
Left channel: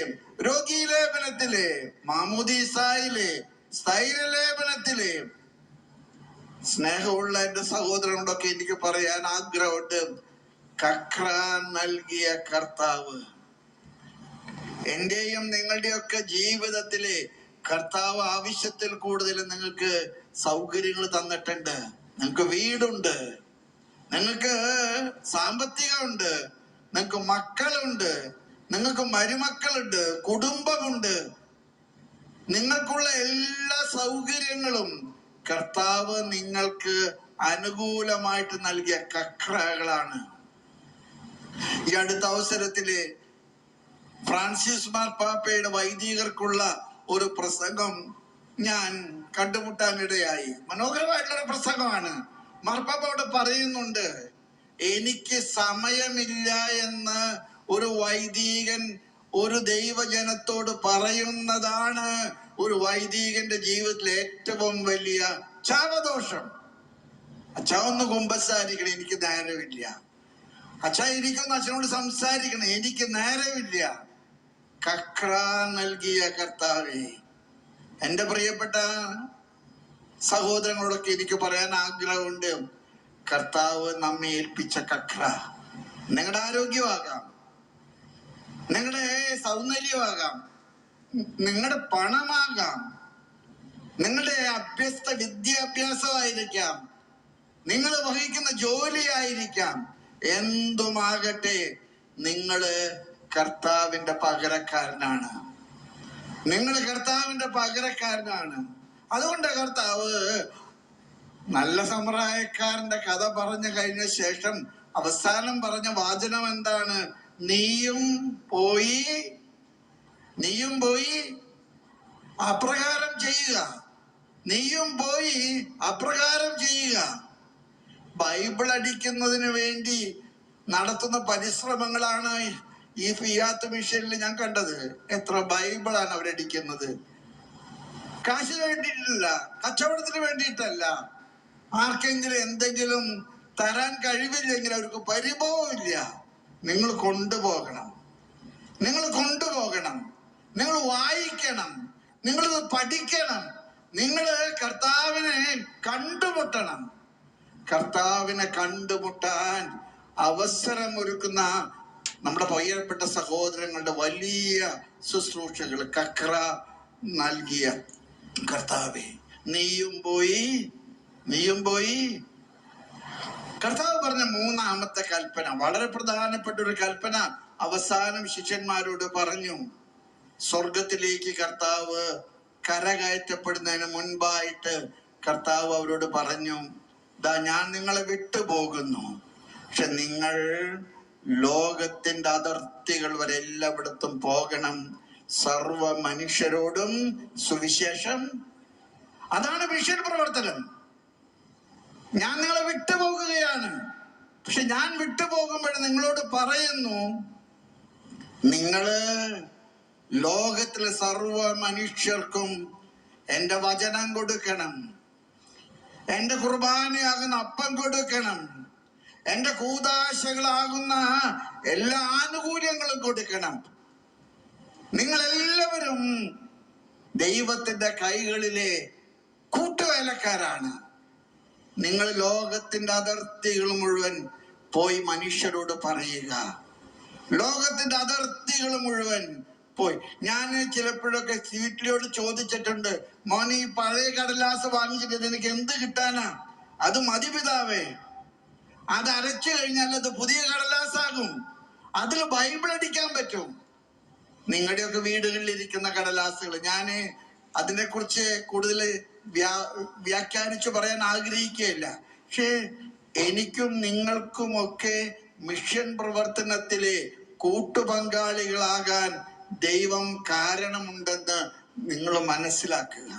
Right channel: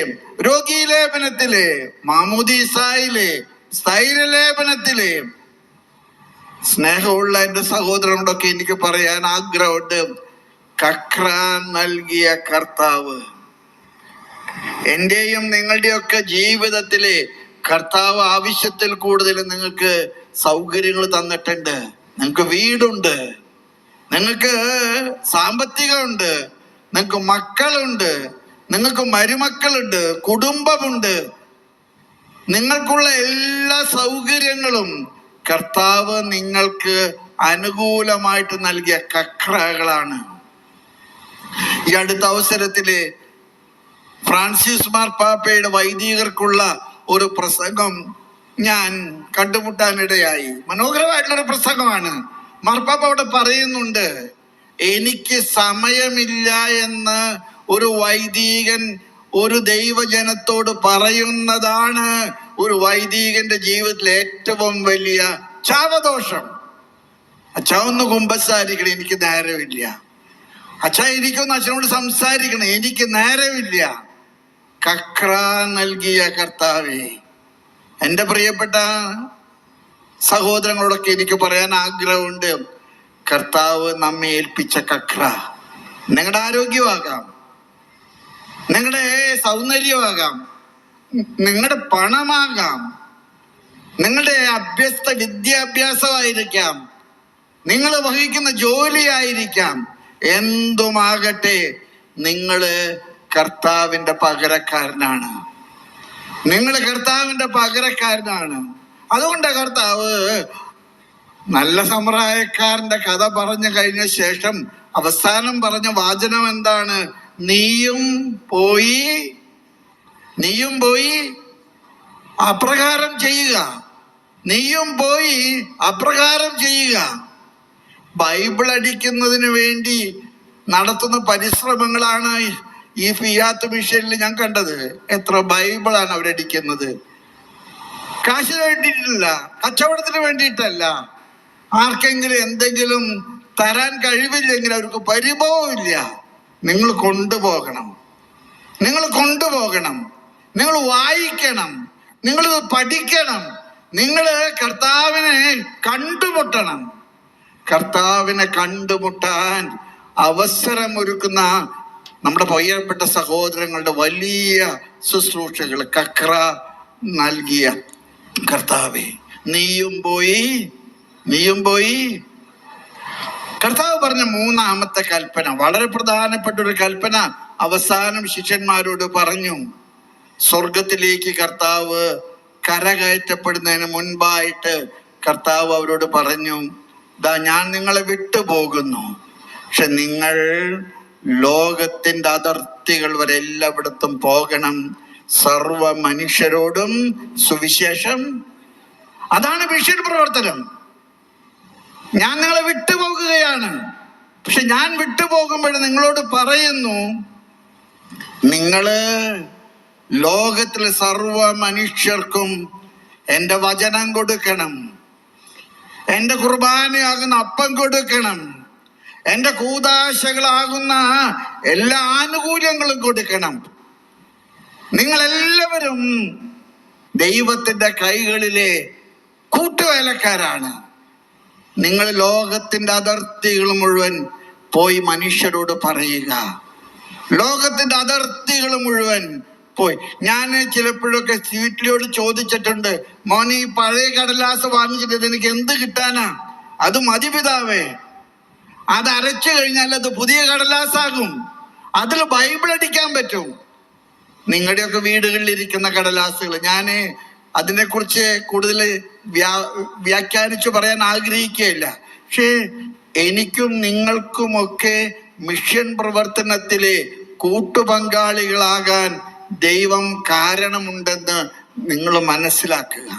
രോഗീലേപനത്തിലെ, മാമുദീസായിലെ, സ്ഥൈര്യലേപനത്തിലെ. സ്നേഹമുള്ള എൻ്റെ സഹോദരനോടൊക്കെ എനിക്ക് പറയാൻ ആഗ്രഹമുണ്ട്, കക്ര നൽകിയ കർത്താവ്. എന്റെയും നിങ്ങളുടെയൊക്കെ ജീവിതത്തിലെ കർത്താവ് ആവശ്യത്തിൽ കൂടുതൽ നിങ്ങൾക്ക് സൗകര്യങ്ങൾ തന്നിട്ടുണ്ട്. നിങ്ങൾക്ക് വീടുണ്ട്, നിങ്ങൾക്ക് സാമ്പത്തികമുണ്ട്, നിങ്ങൾക്ക് മക്കളുണ്ട്, നിങ്ങൾക്ക് മരുമക്കളുണ്ട്, കുടുംബമുണ്ട്. നിങ്ങൾക്കുള്ള എല്ലാ സൗകര്യങ്ങളും കർത്താവ് നിങ്ങൾക്ക് അനുകൂലമായിട്ട് നൽകിയ കക്രകളാണ്. ഈ അടുത്ത അവസരത്തില് ഫ്രാൻസിസ് മാർപ്പാപ്പയുടെ വൈദികർക്കുള്ള ഒരു പ്രസംഗം ഞാൻ കണ്ടുമുട്ടാനിടയായി. മനോഹരമായിട്ടുള്ളൊരു പ്രസംഗമാണ്. മാർപ്പാപ്പ അവിടെ പറയുന്നുണ്ട്, എനിക്ക് സമയമില്ല എന്ന് ഒരു വൈദികൻ ഒരു ദൈവജനത്തോട് പറയുന്നതാണ് ഒരു വൈദികന്റെ ജീവിതത്തിലെ ഏറ്റവും വലിയ ശാപദോഷം. അച്ഛാ ഒന്ന് കുമ്പസാരിക്കണം, എനിക്ക് നേരമില്ല. അച്ഛാ എനിക്കൊന്ന് അച്ഛനോട് സംസാരിക്കണം, എനിക്ക് നേരമില്ല. കക്ര നൽകിയ കർത്താവേ. എൻ്റെ പ്രിയപ്പെട്ട സഹോദരങ്ങളോടൊക്കെ എനിക്ക് പറയാൻ ആഗ്രഹമുണ്ട്, കർത്താവ് നമ്മെ ഏൽപ്പിച്ച കക്ര നിങ്ങളുടെ ആരോഗ്യമാകാം, നിങ്ങളുടെ സൗന്ദര്യമാകാം, നിങ്ങളുടെ പണമാകാം, നിങ്ങളുടെ അഭ്യസ്ത വിദ്യാഭ്യാസമായിരിക്കാം, നിങ്ങൾ വഹിക്കുന്ന ജോലിയായിരിക്കാം, എന്തുമാകട്ടെ, നിങ്ങള് കർത്താവിന്റെ പകരക്കാരനാണ്. നിങ്ങൾ കർത്താവിന്റെ പകരക്കാരനാണ്. അതുകൊണ്ട് കർത്താവ് നല്ല സമ്പ്രദായക്കാരന്റെ കഥ പറഞ്ഞു കഴിഞ്ഞ ശേഷം അവസാനം പറഞ്ഞ വാചനം എന്താണ്? നീയും പോയി അപ്രകാരം ചെയ്യുക. നീയും പോയി അപ്രകാരം ചെയ്യുക. ബൈബിൾ അടിക്കുന്നതിന് വേണ്ടി നടത്തുന്ന പരിശ്രമങ്ങളാണ് ഈ ഫിയാത്ത് മിഷനിൽ ഞാൻ കണ്ടത്. എത്ര ബൈബിളാണ് അവരടിക്കുന്നത്. കാശിന് വേണ്ടിയിട്ടല്ല, കച്ചവടത്തിന് വേണ്ടിയിട്ടല്ല. ആർക്കെങ്കിലും എന്തെങ്കിലും തരാൻ കഴിവില്ലെങ്കിൽ അവർക്ക് പരിഭവമില്ല. നിങ്ങൾ കൊണ്ടുപോകണം, നിങ്ങൾ വായിക്കണം, നിങ്ങൾ പഠിക്കണം, നിങ്ങൾ കർത്താവിനെ കണ്ടുമുട്ടണം. കർത്താവിനെ കണ്ടുമുട്ടാൻ അവസരമൊരുക്കുന്ന നമ്മുടെ പ്രിയപ്പെട്ട സഹോദരങ്ങളുടെ വലിയ ശുശ്രൂഷകൾ കക്ര നൽകിയ കർത്താവേ, നീയും പോയി. കർത്താവ് പറഞ്ഞ മൂന്നാമത്തെ കൽപ്പന, വളരെ പ്രധാനപ്പെട്ട ഒരു കൽപ്പന അവസാനം ശിഷ്യന്മാരോട് പറഞ്ഞു. സ്വർഗത്തിലേക്ക് കർത്താവ് കരകയറ്റപ്പെടുന്നതിന് മുൻപായിട്ട് കർത്താവ് അവരോട് പറഞ്ഞു, ദാ ഞാൻ നിങ്ങളെ വിട്ടുപോകുന്നു, പക്ഷെ നിങ്ങൾ ലോകത്തിന്റെ അതിർത്തികൾ വരെ എല്ലായിടത്തും പോകണം, സർവ മനുഷ്യരോടും സുവിശേഷം. അതാണ് മിഷൻ പ്രവർത്തനം. ഞാൻ നിങ്ങളെ വിട്ടുപോകുകയാണ്, പക്ഷെ ഞാൻ വിട്ടുപോകുമ്പോൾ നിങ്ങളോട് പറയുന്നു, നിങ്ങള് ലോകത്തിലെ സർവ മനുഷ്യർക്കും എൻ്റെ വചനം കൊടുക്കണം, എൻ്റെ കുർബാനയാകുന്ന അപ്പം കൊടുക്കണം, എൻ്റെ കൂദാശകളാകുന്ന എല്ലാ ആനുകൂല്യങ്ങളും കൊടുക്കണം. നിങ്ങളെല്ലാവരും ദൈവത്തിന്റെ കൈകളിലെ കൂട്ടുവേലക്കാരാണ്. നിങ്ങൾ ലോകത്തിന്റെ അതിർത്തികൾ മുഴുവൻ പോയി മനുഷ്യരോട് പറയുക. ലോകത്തിന്റെ അതിർത്തികൾ മുഴുവൻ പോയി. ഞാൻ ചിലപ്പോഴൊക്കെ വീട്ടിലോട് ചോദിച്ചിട്ടുണ്ട്, മോനെ ഈ പഴയ കടലാസ് വാങ്ങിച്ചിട്ട് എനിക്ക് എന്ത് കിട്ടാനാ? അത് മതി പിതാവേ, അത് അരച്ചു കഴിഞ്ഞാൽ അത് പുതിയ കടലാസാകും, അതിൽ ബൈബിൾ അടിക്കാൻ പറ്റും. നിങ്ങളുടെയൊക്കെ വീടുകളിൽ ഇരിക്കുന്ന കടലാസുകൾ ഞാൻ അതിനെക്കുറിച്ച് കൂടുതൽ വ്യാഖ്യാനിച്ചു പറയാൻ ആഗ്രഹിക്കുകയില്ല. പക്ഷേ എനിക്കും നിങ്ങൾക്കുമൊക്കെ മിഷൻ പ്രവർത്തനത്തിലെ കൂട്ടുപങ്കാളികളാകാൻ ദൈവം കാരണമുണ്ടെന്ന് നിങ്ങൾ മനസ്സിലാക്കുക.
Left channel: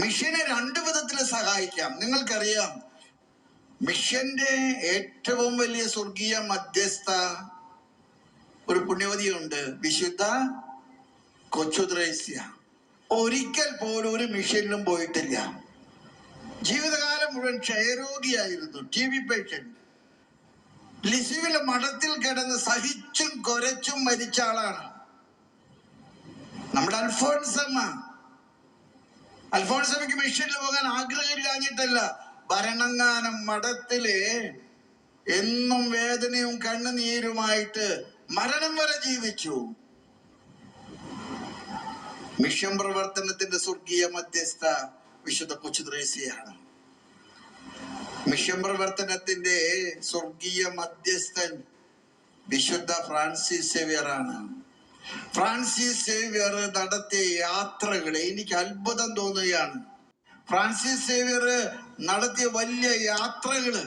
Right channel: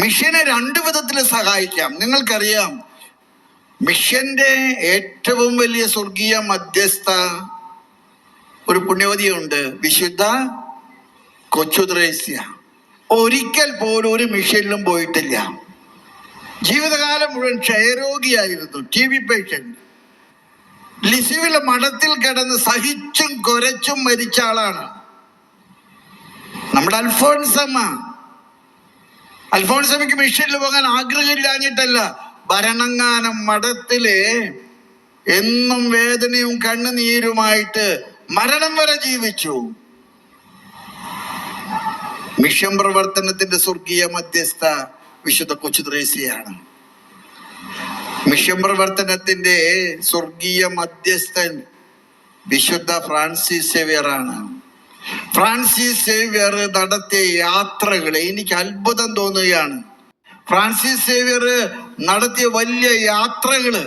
മിഷനെ രണ്ടു വിധത്തിൽ സഹായിക്കാം. നിങ്ങൾക്കറിയാം, മിഷന്റെ ഏറ്റവും വലിയ സ്വർഗീയ മധ്യസ്ഥ ഒരു പുണ്യവതിയുണ്ട്, വിശുദ്ധ കൊച്ചുത്രേസ്യ. ഒരിക്കൽ പോലും ഒരു മിഷനിലും പോയിട്ടില്ല. ജീവിതകാലം മുഴുവൻ ക്ഷയരോഗിയായിരുന്നു, TB പേഷ്യന്റ്. ലിസിവിലെ മഠത്തിൽ കിടന്ന് സഹിച്ചും കുരച്ചും മരിച്ച ആളാണ് നമ്മുടെ അൽഫോൺസമ്മയ്ക്ക് മിഷനിൽ പോകാൻ ആഗ്രഹമില്ലാഞ്ഞിട്ടല്ല, ഭരണങ്ങാനം മഠത്തിലെ എന്നും വേദനയും കണ്ണുനീരുമായിട്ട് മരണം വരെ ജീവിച്ചു. മിഷൻ പ്രവർത്തനത്തിന്റെ സ്വർഗീയ മധ്യസ്ഥ വിശുദ്ധ കൊച്ചുത്രേസ്യയാണ്. മിഷൻ പ്രവർത്തനത്തിന്റെ സ്വർഗീയ മധ്യസ്ഥൻ വിശുദ്ധ ഫ്രാൻസിസ് സേവ്യറാണ്. ഫ്രാൻസിസ് സേവ്യർ നടത്തിയ യാത്രകൾ എനിക്ക് അത്ഭുതം തോന്നുകയാണ്. ഫ്രാൻസിസ് സേവ്യർ നടത്തിയ വലിയ യാത്രകള്,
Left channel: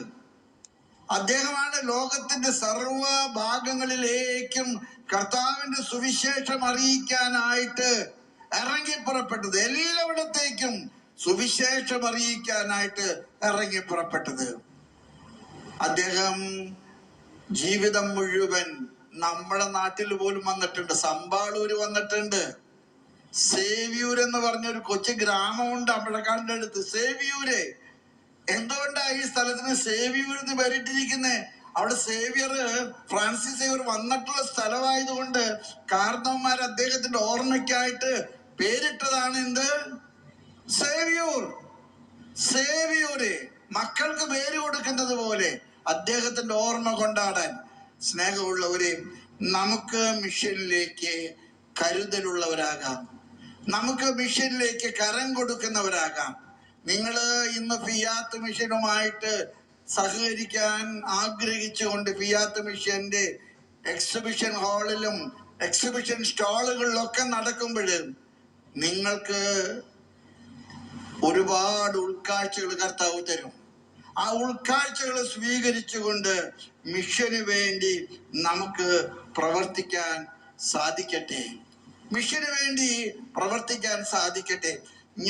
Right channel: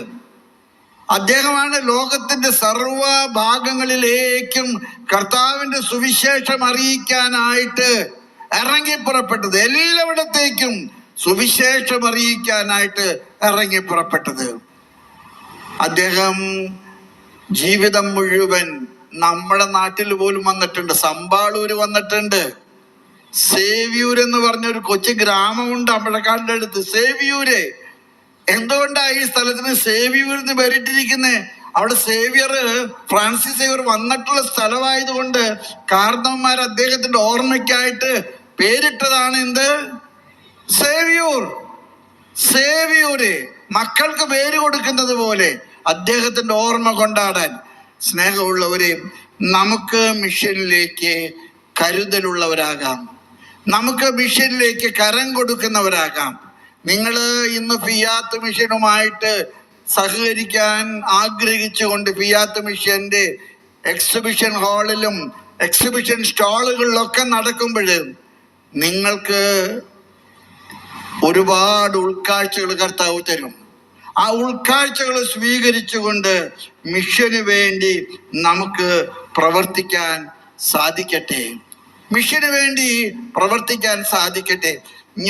അദ്ദേഹമാണ് ലോകത്തിന്റെ സർവ ഭാഗങ്ങളിലേക്കും കർത്താവിന്റെ സുവിശേഷം അറിയിക്കാനായിട്ട് ഇറങ്ങിപ്പുറപ്പെട്ടത്. എല്ലായിടത്തേക്കും സുവിശേഷം അറിയിക്കാനായിട്ട് ഇറങ്ങിപ്പുറപ്പെട്ടത്. അദ്ദേഹം ജീവിതം മുഴുവൻ നമ്മുടെ നാട്ടിൽ പോലും വന്നിട്ടുണ്ട്. സമ്പാളൂര് വന്നിട്ടുണ്ട്. സേവ്യൂർ എന്ന് പറഞ്ഞൊരു കൊച്ചു ഗ്രാമമുണ്ട് അമ്പഴക്കാടിന്റെ അടുത്ത്, സേവ്യൂര്. എന്തുകൊണ്ടാ ഈ സ്ഥലത്തിന് സേവ്യൂർ എന്ന് പേരിട്ടിരിക്കുന്നത്? അവിടെ ഫ്രാൻസിസ് സേവ്യർ വന്നിട്ടുള്ള സ്ഥലമായതുകൊണ്ട് കാരണവന്മാർ അദ്ദേഹത്തിന്റെ ഓർമ്മയ്ക്കായിട്ട് പേരിട്ടതാണ് എന്ത്? സേവ്യൂര്. മക്കൾക്ക് പേര് കൊടുക്കുന്നത് പോലെ അദ്ദേഹത്തിന്റെ ഓർമ്മ കൊണ്ടാടാൻ. സ്നേഹമുള്ളവരെ, നമുക്ക് മിഷനിലേക്ക് കരുതലുള്ളവരാകാം, നമുക്ക് മിഷനിലേക്ക് കരം കൊടുക്കുന്നവരാകാം. നിങ്ങൾ ഇന്ന് ഫിയാത്ത് മിഷനുമായിട്ട് സഹകരിക്കാൻ ആഗ്രഹിച്ചുകൊണ്ട് ഫിയാത്ത് മിഷന്റെ എക്സിബിഷൻ ഹാളിലും എക്സിബിഷൻ സ്റ്റാളുകളിലൊക്കെ നടക്കുമ്പോൾ നിങ്ങൾക്ക് ഒരുപാട് ഉൾക്കാഴ്ചകൾ കർത്താവ് തരും. ആ ഉൾക്കാഴ്ചകൾ സ്വീകരിച്ചുകൊണ്ട് മിഷന് വേണ്ടി നമുക്ക് പ്രവർത്തിക്കാൻ സാധിക്കട്ടെ. മിഷന് വേണ്ടി പ്രവർത്തിക്കാൻ സാധിക്കട്ടെ.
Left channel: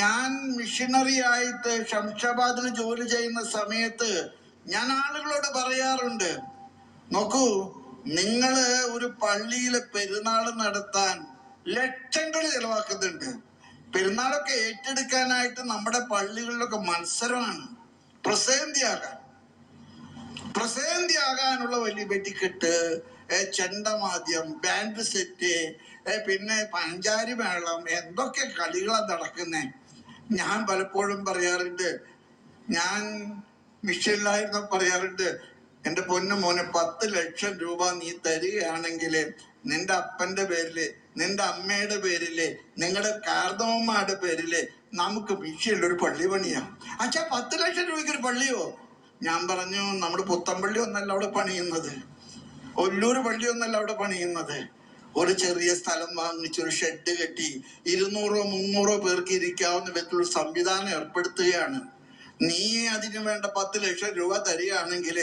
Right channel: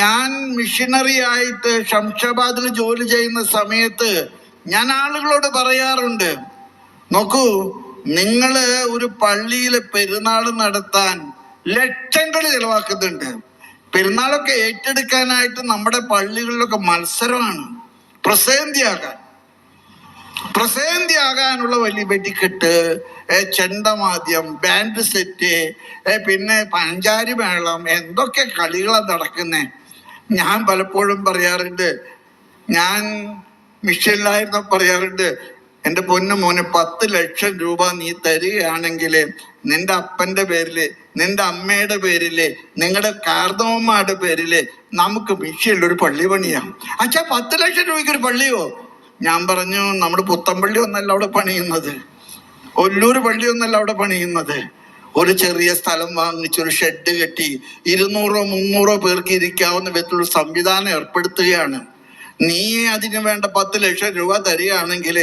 ഞാൻ മിഷനറി ആയിട്ട് ശംഷാബാദിൽ ജോലി ചെയ്യുന്ന സമയത്ത് ഞാൻ ആളുകളോട് പറയാറുണ്ട്, നോക്കൂ, നിങ്ങള് ഒരു പള്ളിയിലെ പെരുന്നാൾ നടത്താൻ ലക്ഷങ്ങൾ ചെലവാക്കുന്നുണ്ട്. പെരുന്നാളൊക്കെ ഏറ്റെടുക്കാനായിട്ട് നമ്മുടെ പള്ളികളിലൊക്കെ മത്സരമാണ്. പ്രസേന്തിയാകാനുള്ള വലിയ വെടിക്കെട്ട്, ചെണ്ടമാദ്യം, ബാൻഡ് സെറ്റ്, പിന്നെ പഞ്ചാരി മേളം, എന്തൊക്കെ കളികളാണ് നടക്കുന്നേ. ഞാൻ പലപ്പോഴും പറയാറുണ്ട്, ഞാൻ മിഷനിലായിരുന്ന പറയാറുണ്ട്, എൻ്റെ പൊന്നു മോനെ, 10 ലക്ഷം രൂപ നീ തരികയാണെങ്കിൽ നിന്റെ അപ്പൻ്റെ പേരില്, നിന്റെ അമ്മയുടെ പേരില്, നിങ്ങളുടെ കാർന്നവന്മാരുടെ പേരില് നമുക്ക് മിഷനിലൊരു പള്ളി പണിയാം. അച്ഛാ, 10 ലക്ഷം രൂപയ്ക്ക് ഒരു പള്ളിയോ? ഞാൻ പറഞ്ഞു, നമ്മുടെ പുത്തമ്പള്ളി ഒന്നല്ല അവിടെ പണിയുന്നത്, ഒല്ലൂർ പള്ളി ഒന്നല്ല അവിടെ പണിയുന്നത്. ഒരു ചെറിയ സ്ഥലം വാങ്ങിച്ച് ഒരു ഷെഡ് കെട്ടി 200-300 പേർക്ക് ഇരിക്കാവുന്ന വിധത്തിലുള്ള സംവിധാനം ഏർപ്പെടുത്തുകയാണ്. നീ അതിന് വേണ്ട 10 ലക്ഷം രൂപ തരികയാണെങ്കിൽ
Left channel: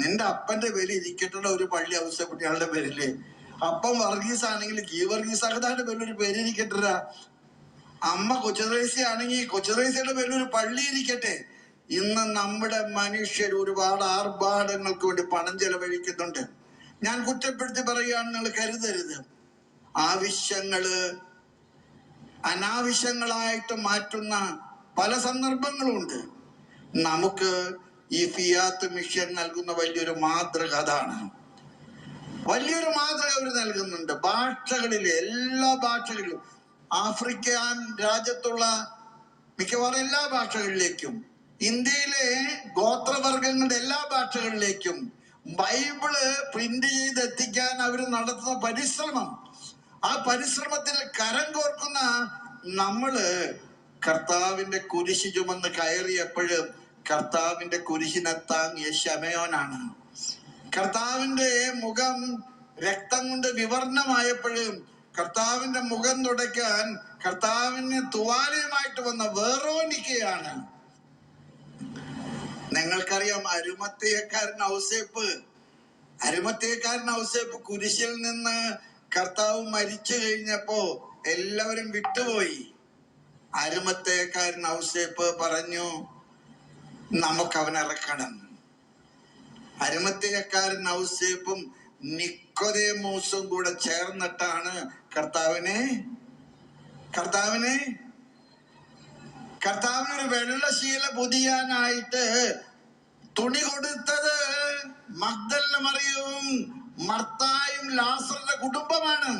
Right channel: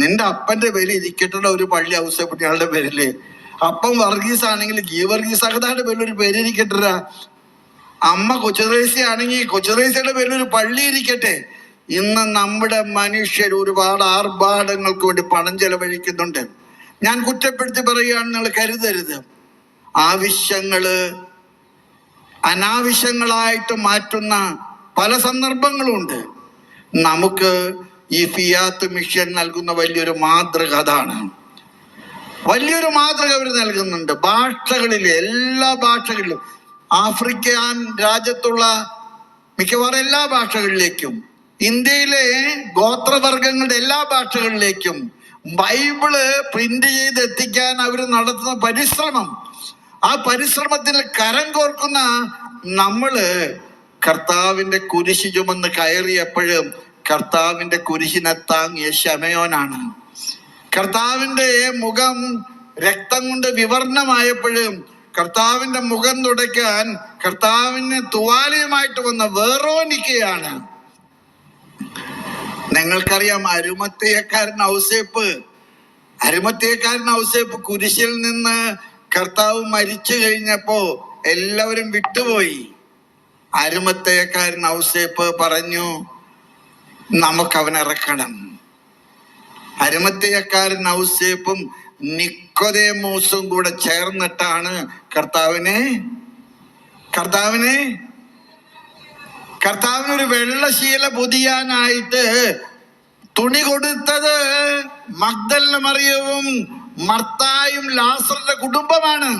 നിന്റെ അപ്പന്റെ പേര് ഇരിക്കട്ടുള്ള ഒരു പള്ളി ഔസേപ്പുട്ടിയാളുടെ പേരില്, അപ്പം വർഗീസ് ആണെങ്കിൽ ഗീവർഗീസ് അകതാന്റെ പേരിൽ ഒരു പേര് ഇരിക്കട്ട, അമ്മ കൊച്ചുറേസി ആണെങ്കിൽ കൊച്ചുറേസിയുടെ പേരിൽ ഒരു പള്ളി ഇരിക്കട്ടെ. ഇന്ന് നമ്മുടെ മനുഷ്യർ ഒരുപാട് ആർഭാടങ്ങൾക്ക് വേണ്ടി പണം ചെലവഴിക്കുന്നുണ്ട്. ഞാൻ കുറ്റപ്പെടുത്തി പറയുകയാണ്, നിങ്ങൾ കരുതരുത്. ആവശ്യങ്ങള് അനാവശ്യങ്ങളായിട്ട് മാറ്റുന്ന പല സന്ദർഭങ്ങളുണ്ട്. നമുക്ക് ഈ ഫിയാത്ത് മിഷൻ നൽകുന്ന വലിയൊരു മാതൃക അതാണ്. വലിയൊരു മാതൃക അവർ നൽകുന്നുണ്ട്. ഭാഷകളിലെ എല്ലാ ഭാഷകളിലും, ആഫ്രിക്കൻ രാജ്യത്തുള്ള മിക്കവാറും എല്ലാ ഭാഷകളിലേക്കും, ഇന്ത്യയിലെ ഗോത്രവർഗങ്ങളുടെ എല്ലാ ഭാഷകളിലേക്കും ബൈബിള് പ്രിന്റ് ചെയ്ത് എത്തിക്കാൻ അവർ നടത്തുന്ന പരിശ്രമം, ആ പരിശ്രമത്തിൽ കരം കോർക്കുന്ന നമ്മള് കർത്താവിന്റെ കുരിശ് ചുമന്ന് കയറിയപ്പോഴും കർത്താവിന്റെ കുരിശിനെ താങ്ങിയ ശമയോനാണ്. കർത്താവിന്റെ മുഖം രക്തം കൊണ്ട് വിവർണമായപ്പോഴും കർത്താവിന്റെ മുഖം തുടയ്ക്കാൻ കർത്താവിന് തുവാലയുമായിട്ട് വന്ന വേറോനിക്കയാണ്. നിങ്ങൾക്കറിയാം, അരിമത്തയക്കാരൻ ഔസേപ്പ് കുരിശിൽ നിന്ന് കർത്താവ് മരിച്ചു കഴിഞ്ഞപ്പോ എല്ലാവരും വിട്ടുപോയി. അരിമത്തയക്കാരൻ ഔസേപ്പ് പറഞ്ഞു, നമുക്കവനെ ഇറക്കണം. അരിമത്തയക്കാരൻ ഔസേപ്പും നിക്കോദേമോസും കൂടെ ചേർന്നിട്ടാണ് കർത്താവിനൊരു വെള്ളശീല പൊതിയാനായിട്ട് തുണി കൊടുത്തത് മഗ്ദലന മറിയവും മർത്തായും ലാസറിന്റെ കുടുംബമാണ്.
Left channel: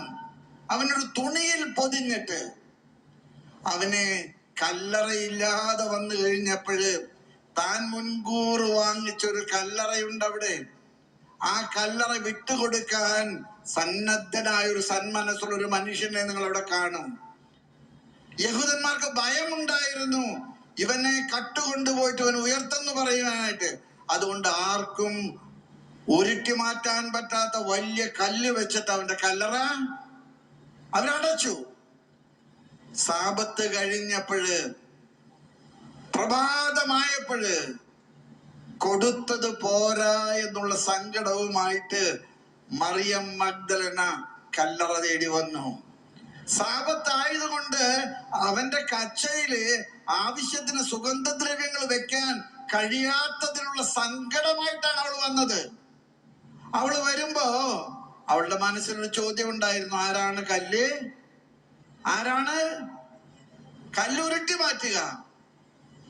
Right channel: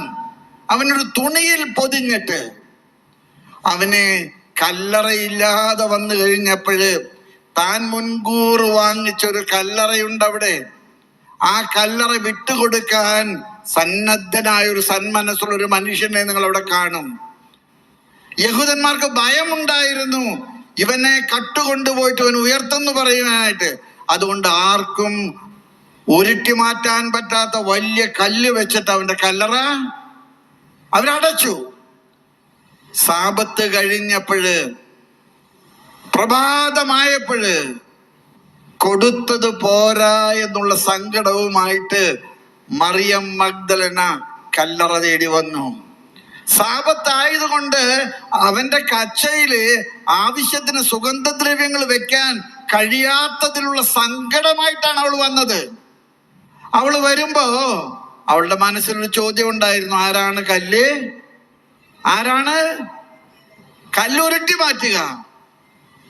അവനൊരു തുണിയിൽ പൊതിഞ്ഞിട്ട് അവനെ കല്ലറയില്ലാതെ വന്നു കഴിഞ്ഞപ്പോഴ് താൻ മുൻകൂർ വാങ്ങിച്ചൊരു കല്ലറയുണ്ട് അവിടെ. ആ കല്ലറ വിട്ടുകൊടുക്കാൻ സന്നദ്ധനായ ഒരു സന്മനസ്സുള്ള ഒരു മനുഷ്യനെ നിങ്ങൾ അവിടെ കാണും. യഹൂദന്മാർക്ക് ഭയമുണ്ടായിരുന്നു ഇവനെ കട്ടുകൊണ്ടുപോയിട്ട് അവൻ ഉയർത്തെന്ന് പറയുവാനായിട്ട്. അതുകൊണ്ട് ആർക്കും ഉരുട്ടി മാറ്റാൻ പറ്റാത്ത വലിയ കല്ല് വെച്ചിട്ട് അവന്റെ കല്ലറ അവരടച്ചു. സാബത്ത് കഴിഞ്ഞപ്പോഴ്, പ്രഭാതമായപ്പോഴ് കൊടുത്തത് പോരാ എന്നുള്ള സങ്കടവുമായിട്ട് മറിയം മഗ്ദലന കല്ലറ തേടി വന്നു. സാബത്തായതുകൊണ്ട് അവന്റെ കച്ചയില് ആവശ്യത്തിന് സുഗന്ധദ്രവ്യങ്ങൾ വെക്കാൻ കഴിയാത്തതിലുള്ള സങ്കടമായിട്ടാണ് അവൾ വന്നത്. അവള് വരുമ്പോ അവളുടെ മനസ്സിലൊരു ചോദ്യം ഉണ്ടായിരുന്നു, ആരാണ് കല്ലുരുട്ടി മാറ്റുക?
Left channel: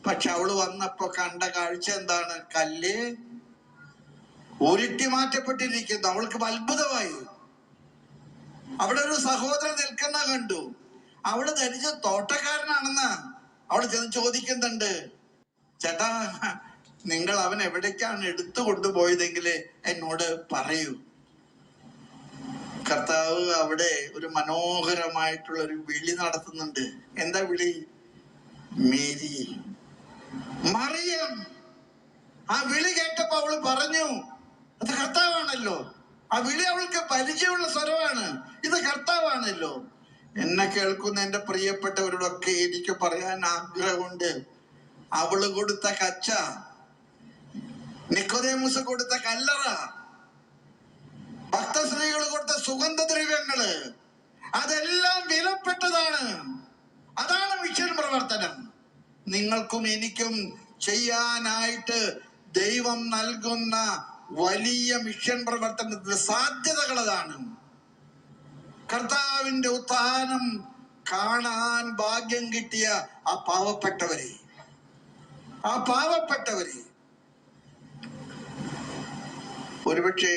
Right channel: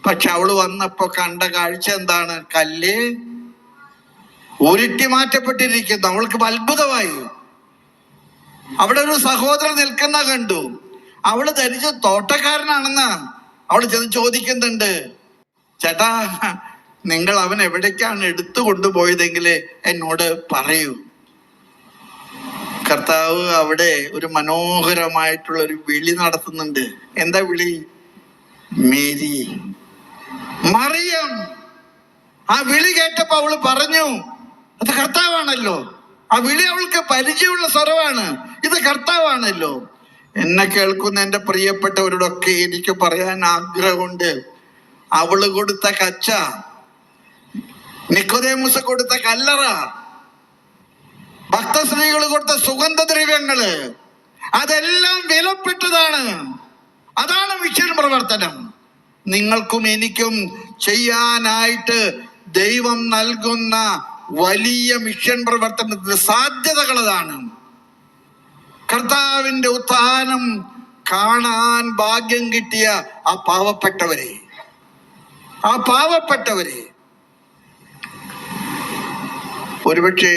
പക്ഷെ അവള് വന്നപ്പോ കണ്ട കാഴ്ച എന്താണ്? കല്ല് ഉരുട്ടി മാറ്റപ്പെട്ടിരിക്കുന്നു. അവൾക്ക് അത്ഭുതമായി. അവിടെ ഒരു സഹോദരൻ നിൽക്കുന്ന കണ്ടു. അവള് ധരിച്ച തോട്ടക്കാരനാണെന്ന് അവള് ചെന്ന് ചോദിക്കുന്നുണ്ട്, ചേട്ടാ, നിങ്ങൾ അവൻ എവിടേക്കാണ് എടുത്തു കൊണ്ടുപോയതെങ്കിൽ എന്നോട് പറയൂ. കർത്താവ് അവിടെ ഒരു മനോഹരമായിട്ടുള്ള ഒരു വിളി നടത്തുന്നുണ്ട്. എന്താ വിളി? മേരി, മറിയം. ആ വിളി കേട്ടപ്പോ അവള് പറഞ്ഞു, അത് കർത്താവാണല്ലോ. ആ വിളി അവൾക്ക് പരിചയമുള്ള സ്വരമാണ്, ഇത് കർത്താവാണല്ലോ. എന്നെ കേൾക്കുന്ന എൻ്റെ പ്രിയപ്പെട്ടവരോടൊക്കെ എനിക്ക് പറയാൻ ആഗ്രഹമുണ്ട്, അവള് കൊടുത്ത കച്ച, നിക്കോദേമൂസ് കൊടുത്ത കല്ലറ, ഭക്തസ്ത്രീകൾ കൊടുത്ത സുഗന്ധദ്രവ്യങ്ങള്, അതെല്ലാം വിലപ്പെട്ടതാണ്. അതാണ് മിഷൻ പ്രവർത്തനം. നിങ്ങൾക്കും എനിക്കും ചെയ്യാനായിട്ട് ദൈവം നൽകുന്ന വലിയ മിഷൻ പ്രവർത്തനത്തിന്റെ സാധ്യതകൾ അതാണ്. കർത്താവിന്റെ ഉത്ഥാനം കാണാൻ ഭാഗ്യം കിട്ടിയ ആ പാവപ്പെട്ടവരെ ഒരുപക്ഷെ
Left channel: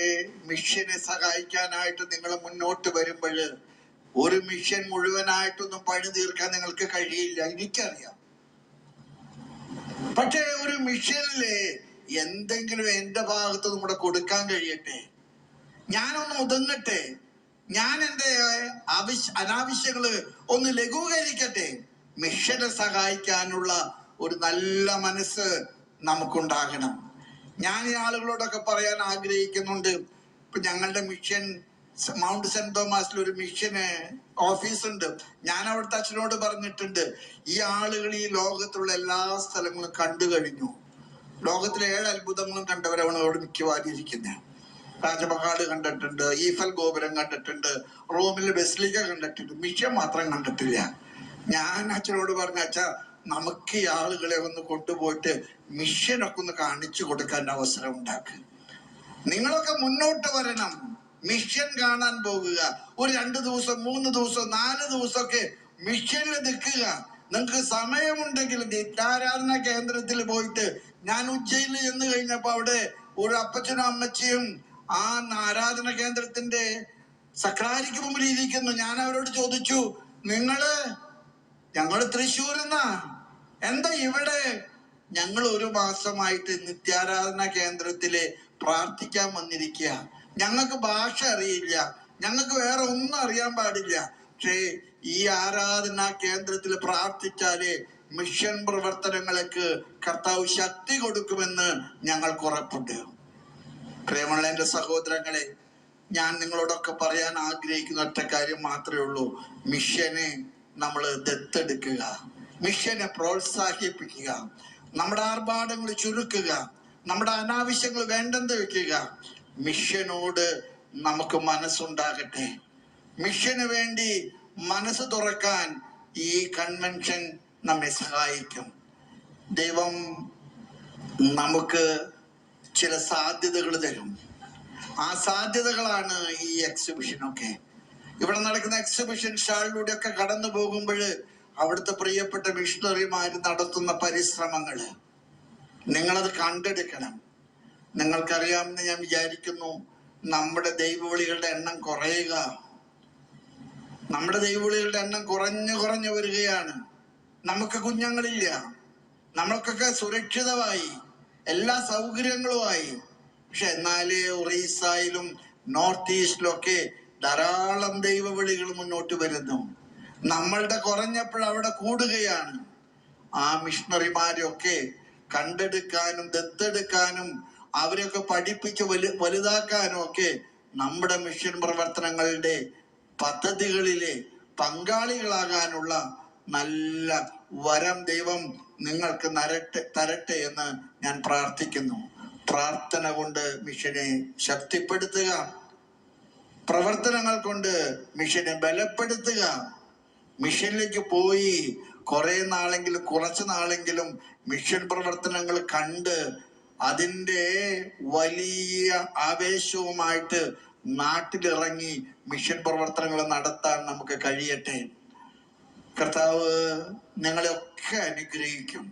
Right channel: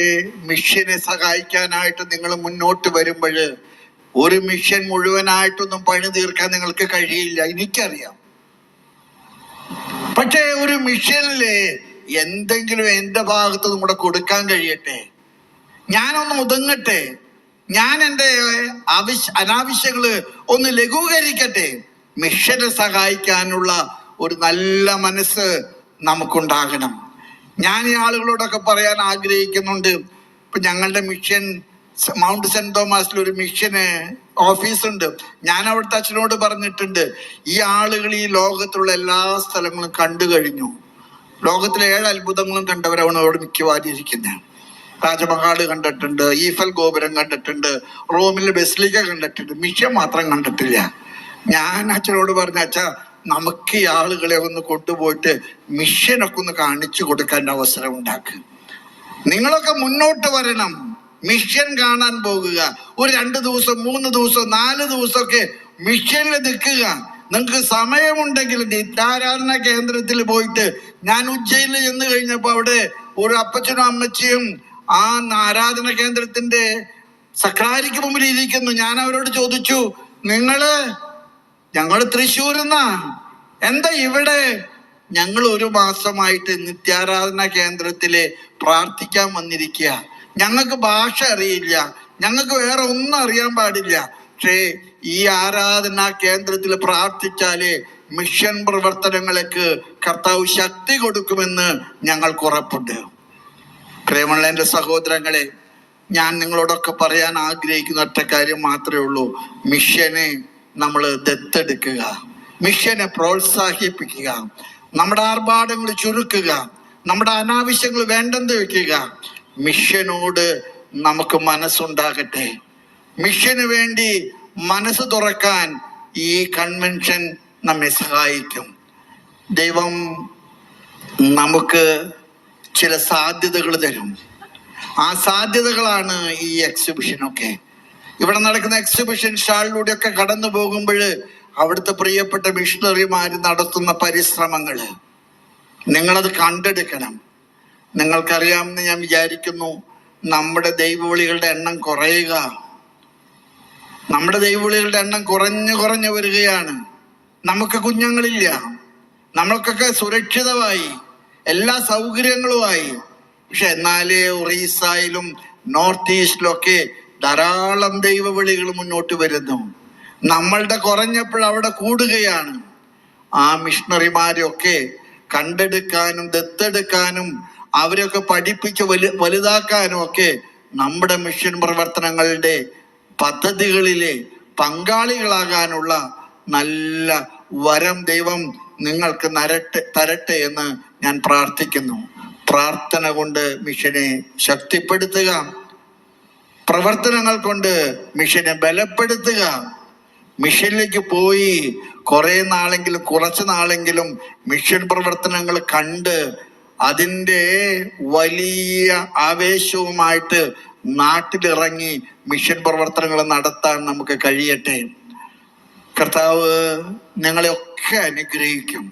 മിഷനെ സഹായിക്കാനായിട്ട് നിങ്ങൾ മുന്നോട്ട് വരുമ്പോൾ ഒരു മിഷൻ മുഴുവനായിട്ടൊന്നും പണി തീർക്കാൻ നിങ്ങൾക്ക് കഴിയില്ല, എനിക്കറിയാം. പക്ഷേ ഒരു മിഷനില് എന്തെങ്കിലും എന്റെ ഭാഗത്ത് കൂടെ കൊടുക്കാൻ കഴിയട്ടെ, ഞാനൊന്ന് ഒതുങ്ങട്ടെ, ഞാൻ എൻ്റെ അനാവശ്യങ്ങള് ഒന്ന് ലഘൂകരിക്കട്ടെ. മിഷനെ സഹായിക്കാനുള്ള ഒരു നല്ല മനസ്സ് നമുക്കുണ്ടാകണം. ഞാൻ ഈ ആളുകളോടൊക്കെ പറയാൻ ആഗ്രഹിക്കുന്നുണ്ട്. ഇപ്പൊ ഞങ്ങളുടെ മിഷൻ മൗണ്ട് സെന്റ് തോമസിൽ ഒരു മിഷന് ഓഫീസുണ്ട്. ഞാൻ അവിടുത്തെ അച്ഛനോട് പറഞ്ഞിട്ടുണ്ട്, ഈ ആളുകൾ ഈ ലോകത്തുള്ള എല്ലാ സ്ഥലങ്ങളും കണ്ടു കഴിഞ്ഞു. ലോകത്തിലെ 7 അത്ഭുതങ്ങളും കണ്ടവരാണ് അവിടെ മിക്കവാറും ഇരിക്കുന്നത്. താജ്മഹൽ കണ്ടിട്ടുണ്ട്, ഈഫൽ ഗോപുരം കണ്ടിട്ടുണ്ട്, റോമിലെ ബസിലിക്ക കണ്ടിട്ടുണ്ട്, മിഷൻ മാത്രം കണ്ടിട്ടില്ല. ഞാൻ അച്ഛനോട് പറഞ്ഞ, അച്ഛാ നമുക്ക് ഈ ആളുകളെ ഒന്ന് കൊണ്ടുപോയിട്ട് മിഷനൊക്കെ ഒന്ന് കാണിച്ചു കൊടുക്കാൻ അവസരം ഉണ്ടാക്കുക. നിങ്ങളൊക്കെ മുന്നോട്ട് വരണം, മിഷൻ കാണാൻ പോകുക. ഒരു 2 ദിവസം 3 ദിവസം 4 ദിവസമൊക്കെ മിഷനിൽ നിൽക്കുക. നിങ്ങൾക്ക് സമയമുണ്ടെങ്കിൽ നിത്യാരാധന കേന്ദ്രത്തിൽ പോയിട്ട്, ഞാൻ ഉജ്ജയിനിൽ ചെന്ന് കഴിഞ്ഞപ്പോ അവിടെ ഒരു അപ്പച്ചനും അമ്മച്ചിയും ആ ആരാധന കേന്ദ്രത്തിന്റെ സക്രാരിക്ക് മുമ്പിൽ ഇരിക്കുന്നു. ഞാൻ അവരോട് ചോദിച്ചു, ഞങ്ങള് തൃശ്ശൂരിന്നാ, എന്താ ഇവിടെ? ഞങ്ങൾ 1 മാസമായിട്ട് നിത്യാരാധന കേന്ദ്രത്തില് പ്രാർത്ഥിക്കാൻ വന്നിരിക്കുക. ഞങ്ങൾക്ക് ഭാഷ അറിയില്ല, ഞങ്ങൾക്ക് വേറെ ഒന്നും അറിയാൻ പാടില്ല. പക്ഷേ ഈ ആരാധനാ കേന്ദ്രത്തിൽ പ്രാർത്ഥിച്ചാല് മിഷൻ പ്രവർത്തനങ്ങൾക്ക് കർത്താവ് ശക്തി കൊടുക്കുമെന്ന് ഞങ്ങൾക്ക് ഉറപ്പുണ്ട്. പ്രിയമുള്ള എൻ്റെ സഹോദരങ്ങളെ, ഞാൻ നിങ്ങളോടൊക്കെ പറയാൻ ആഗ്രഹിക്കുന്ന ഒറ്റ കാര്യം മാത്രമേ ഉള്ളൂ. മിഷനെ നമ്മൾ ദത്തെടുക്കുക, മിഷനെ പ്രോത്സാഹിപ്പിക്കുക, നമ്മുടെ ആർഭാടങ്ങൾ ചുരുക്കുക, നമ്മുടെ അനാവശ്യങ്ങൾ വേണ്ടെന്ന് വെക്കുക. മിഷനോട് നമുക്ക് മനസ്സുണ്ടാകട്ടെ. മിഷന് വേണ്ടി മനസ്സ് തുറക്കാൻ ഈ കൺവെൻഷൻ നമ്മെ സഹായിക്കും. ദൈവം നമുക്ക് ചില സാധ്യതകൾ തരും. ആ സാധ്യതകളാണ് ഈ എക്സിബിഷനൊക്കെ. ഇവിടെ നടക്കുന്ന എക്സിബിഷൻ സ്റ്റാളിലൂടെയൊക്കെ കടന്നു പോകുമ്പോൾ അവിടുത്തെ പ്രിയപ്പെട്ട മിഷണറിമാർ നടത്തുന്ന പരിശ്രമങ്ങൾ നിങ്ങളത് കണ്ടെടുക്കണം. നിങ്ങൾക്കറിയാമെന്ന് ഞാൻ വിചാരിക്കുന്നു, നമ്മുടെ ദൈവവിളികളുടെ എണ്ണം കുറയുക, നമ്മുടെ ദൈവവിളികളുടെ എണ്ണം കുറഞ്ഞു വരികയാണ്. നമുക്ക് കുഞ്ഞുങ്ങളില്ല, നമ്മൾക്കൊക്കെ സുരക്ഷിതമായി, എല്ലാ സൗകര്യങ്ങളുമായി. പക്ഷെ എന്നാലേ ഒറീസയിലും നോർത്ത് ഈസ്റ്റിലൊക്കെ ധാരാളം ദൈവവിളികൾ മുന്നോട്ട് വരുന്നു. നമ്മളുടെ കുറഞ്ഞപ്പോൾ അവിടെ കൂടുകയാണ്. ആ മിഷണറിമാരെയൊക്കെ കണ്ടെടുക്കാനും ദത്തെടുക്കാനും അവരൊക്കെ പഠിപ്പിച്ച് വലുതാക്കാനും ഒക്കെ നമ്മുടെ മിഷൻ പ്രവർത്തനങ്ങളുടെ പദ്ധതികളിലെ പങ്കാളികളാകാനുള്ള നല്ല വരം ദൈവം നിങ്ങൾക്ക് തരട്ടെ എന്ന് ഞാൻ പ്രാർത്ഥിക്കുന്നു. പ്രാർത്ഥന കൊണ്ട് മിഷനെ ശക്തിപ്പെടുത്തുക, പ്രവർത്തനങ്ങൾ കൊണ്ട് മിഷനെ ബലപ്പെടുത്തുക. മിഷനിലേക്ക് പോയി കുറച്ച് നാളെങ്കിലും മിഷൻ പ്രവർത്തനങ്ങൾ കണ്ട് അതിൻ്റെ വലിയ ആവേശവുമായിട്ട് നാട്ടിലിറങ്ങി മിഷൻ പ്രവർത്തനങ്ങൾ നടത്താൻ നമുക്ക് കഴിയട്ടെ. കർത്താവ് നിങ്ങളെ ഒക്കെ അനുഗ്രഹിക്കും.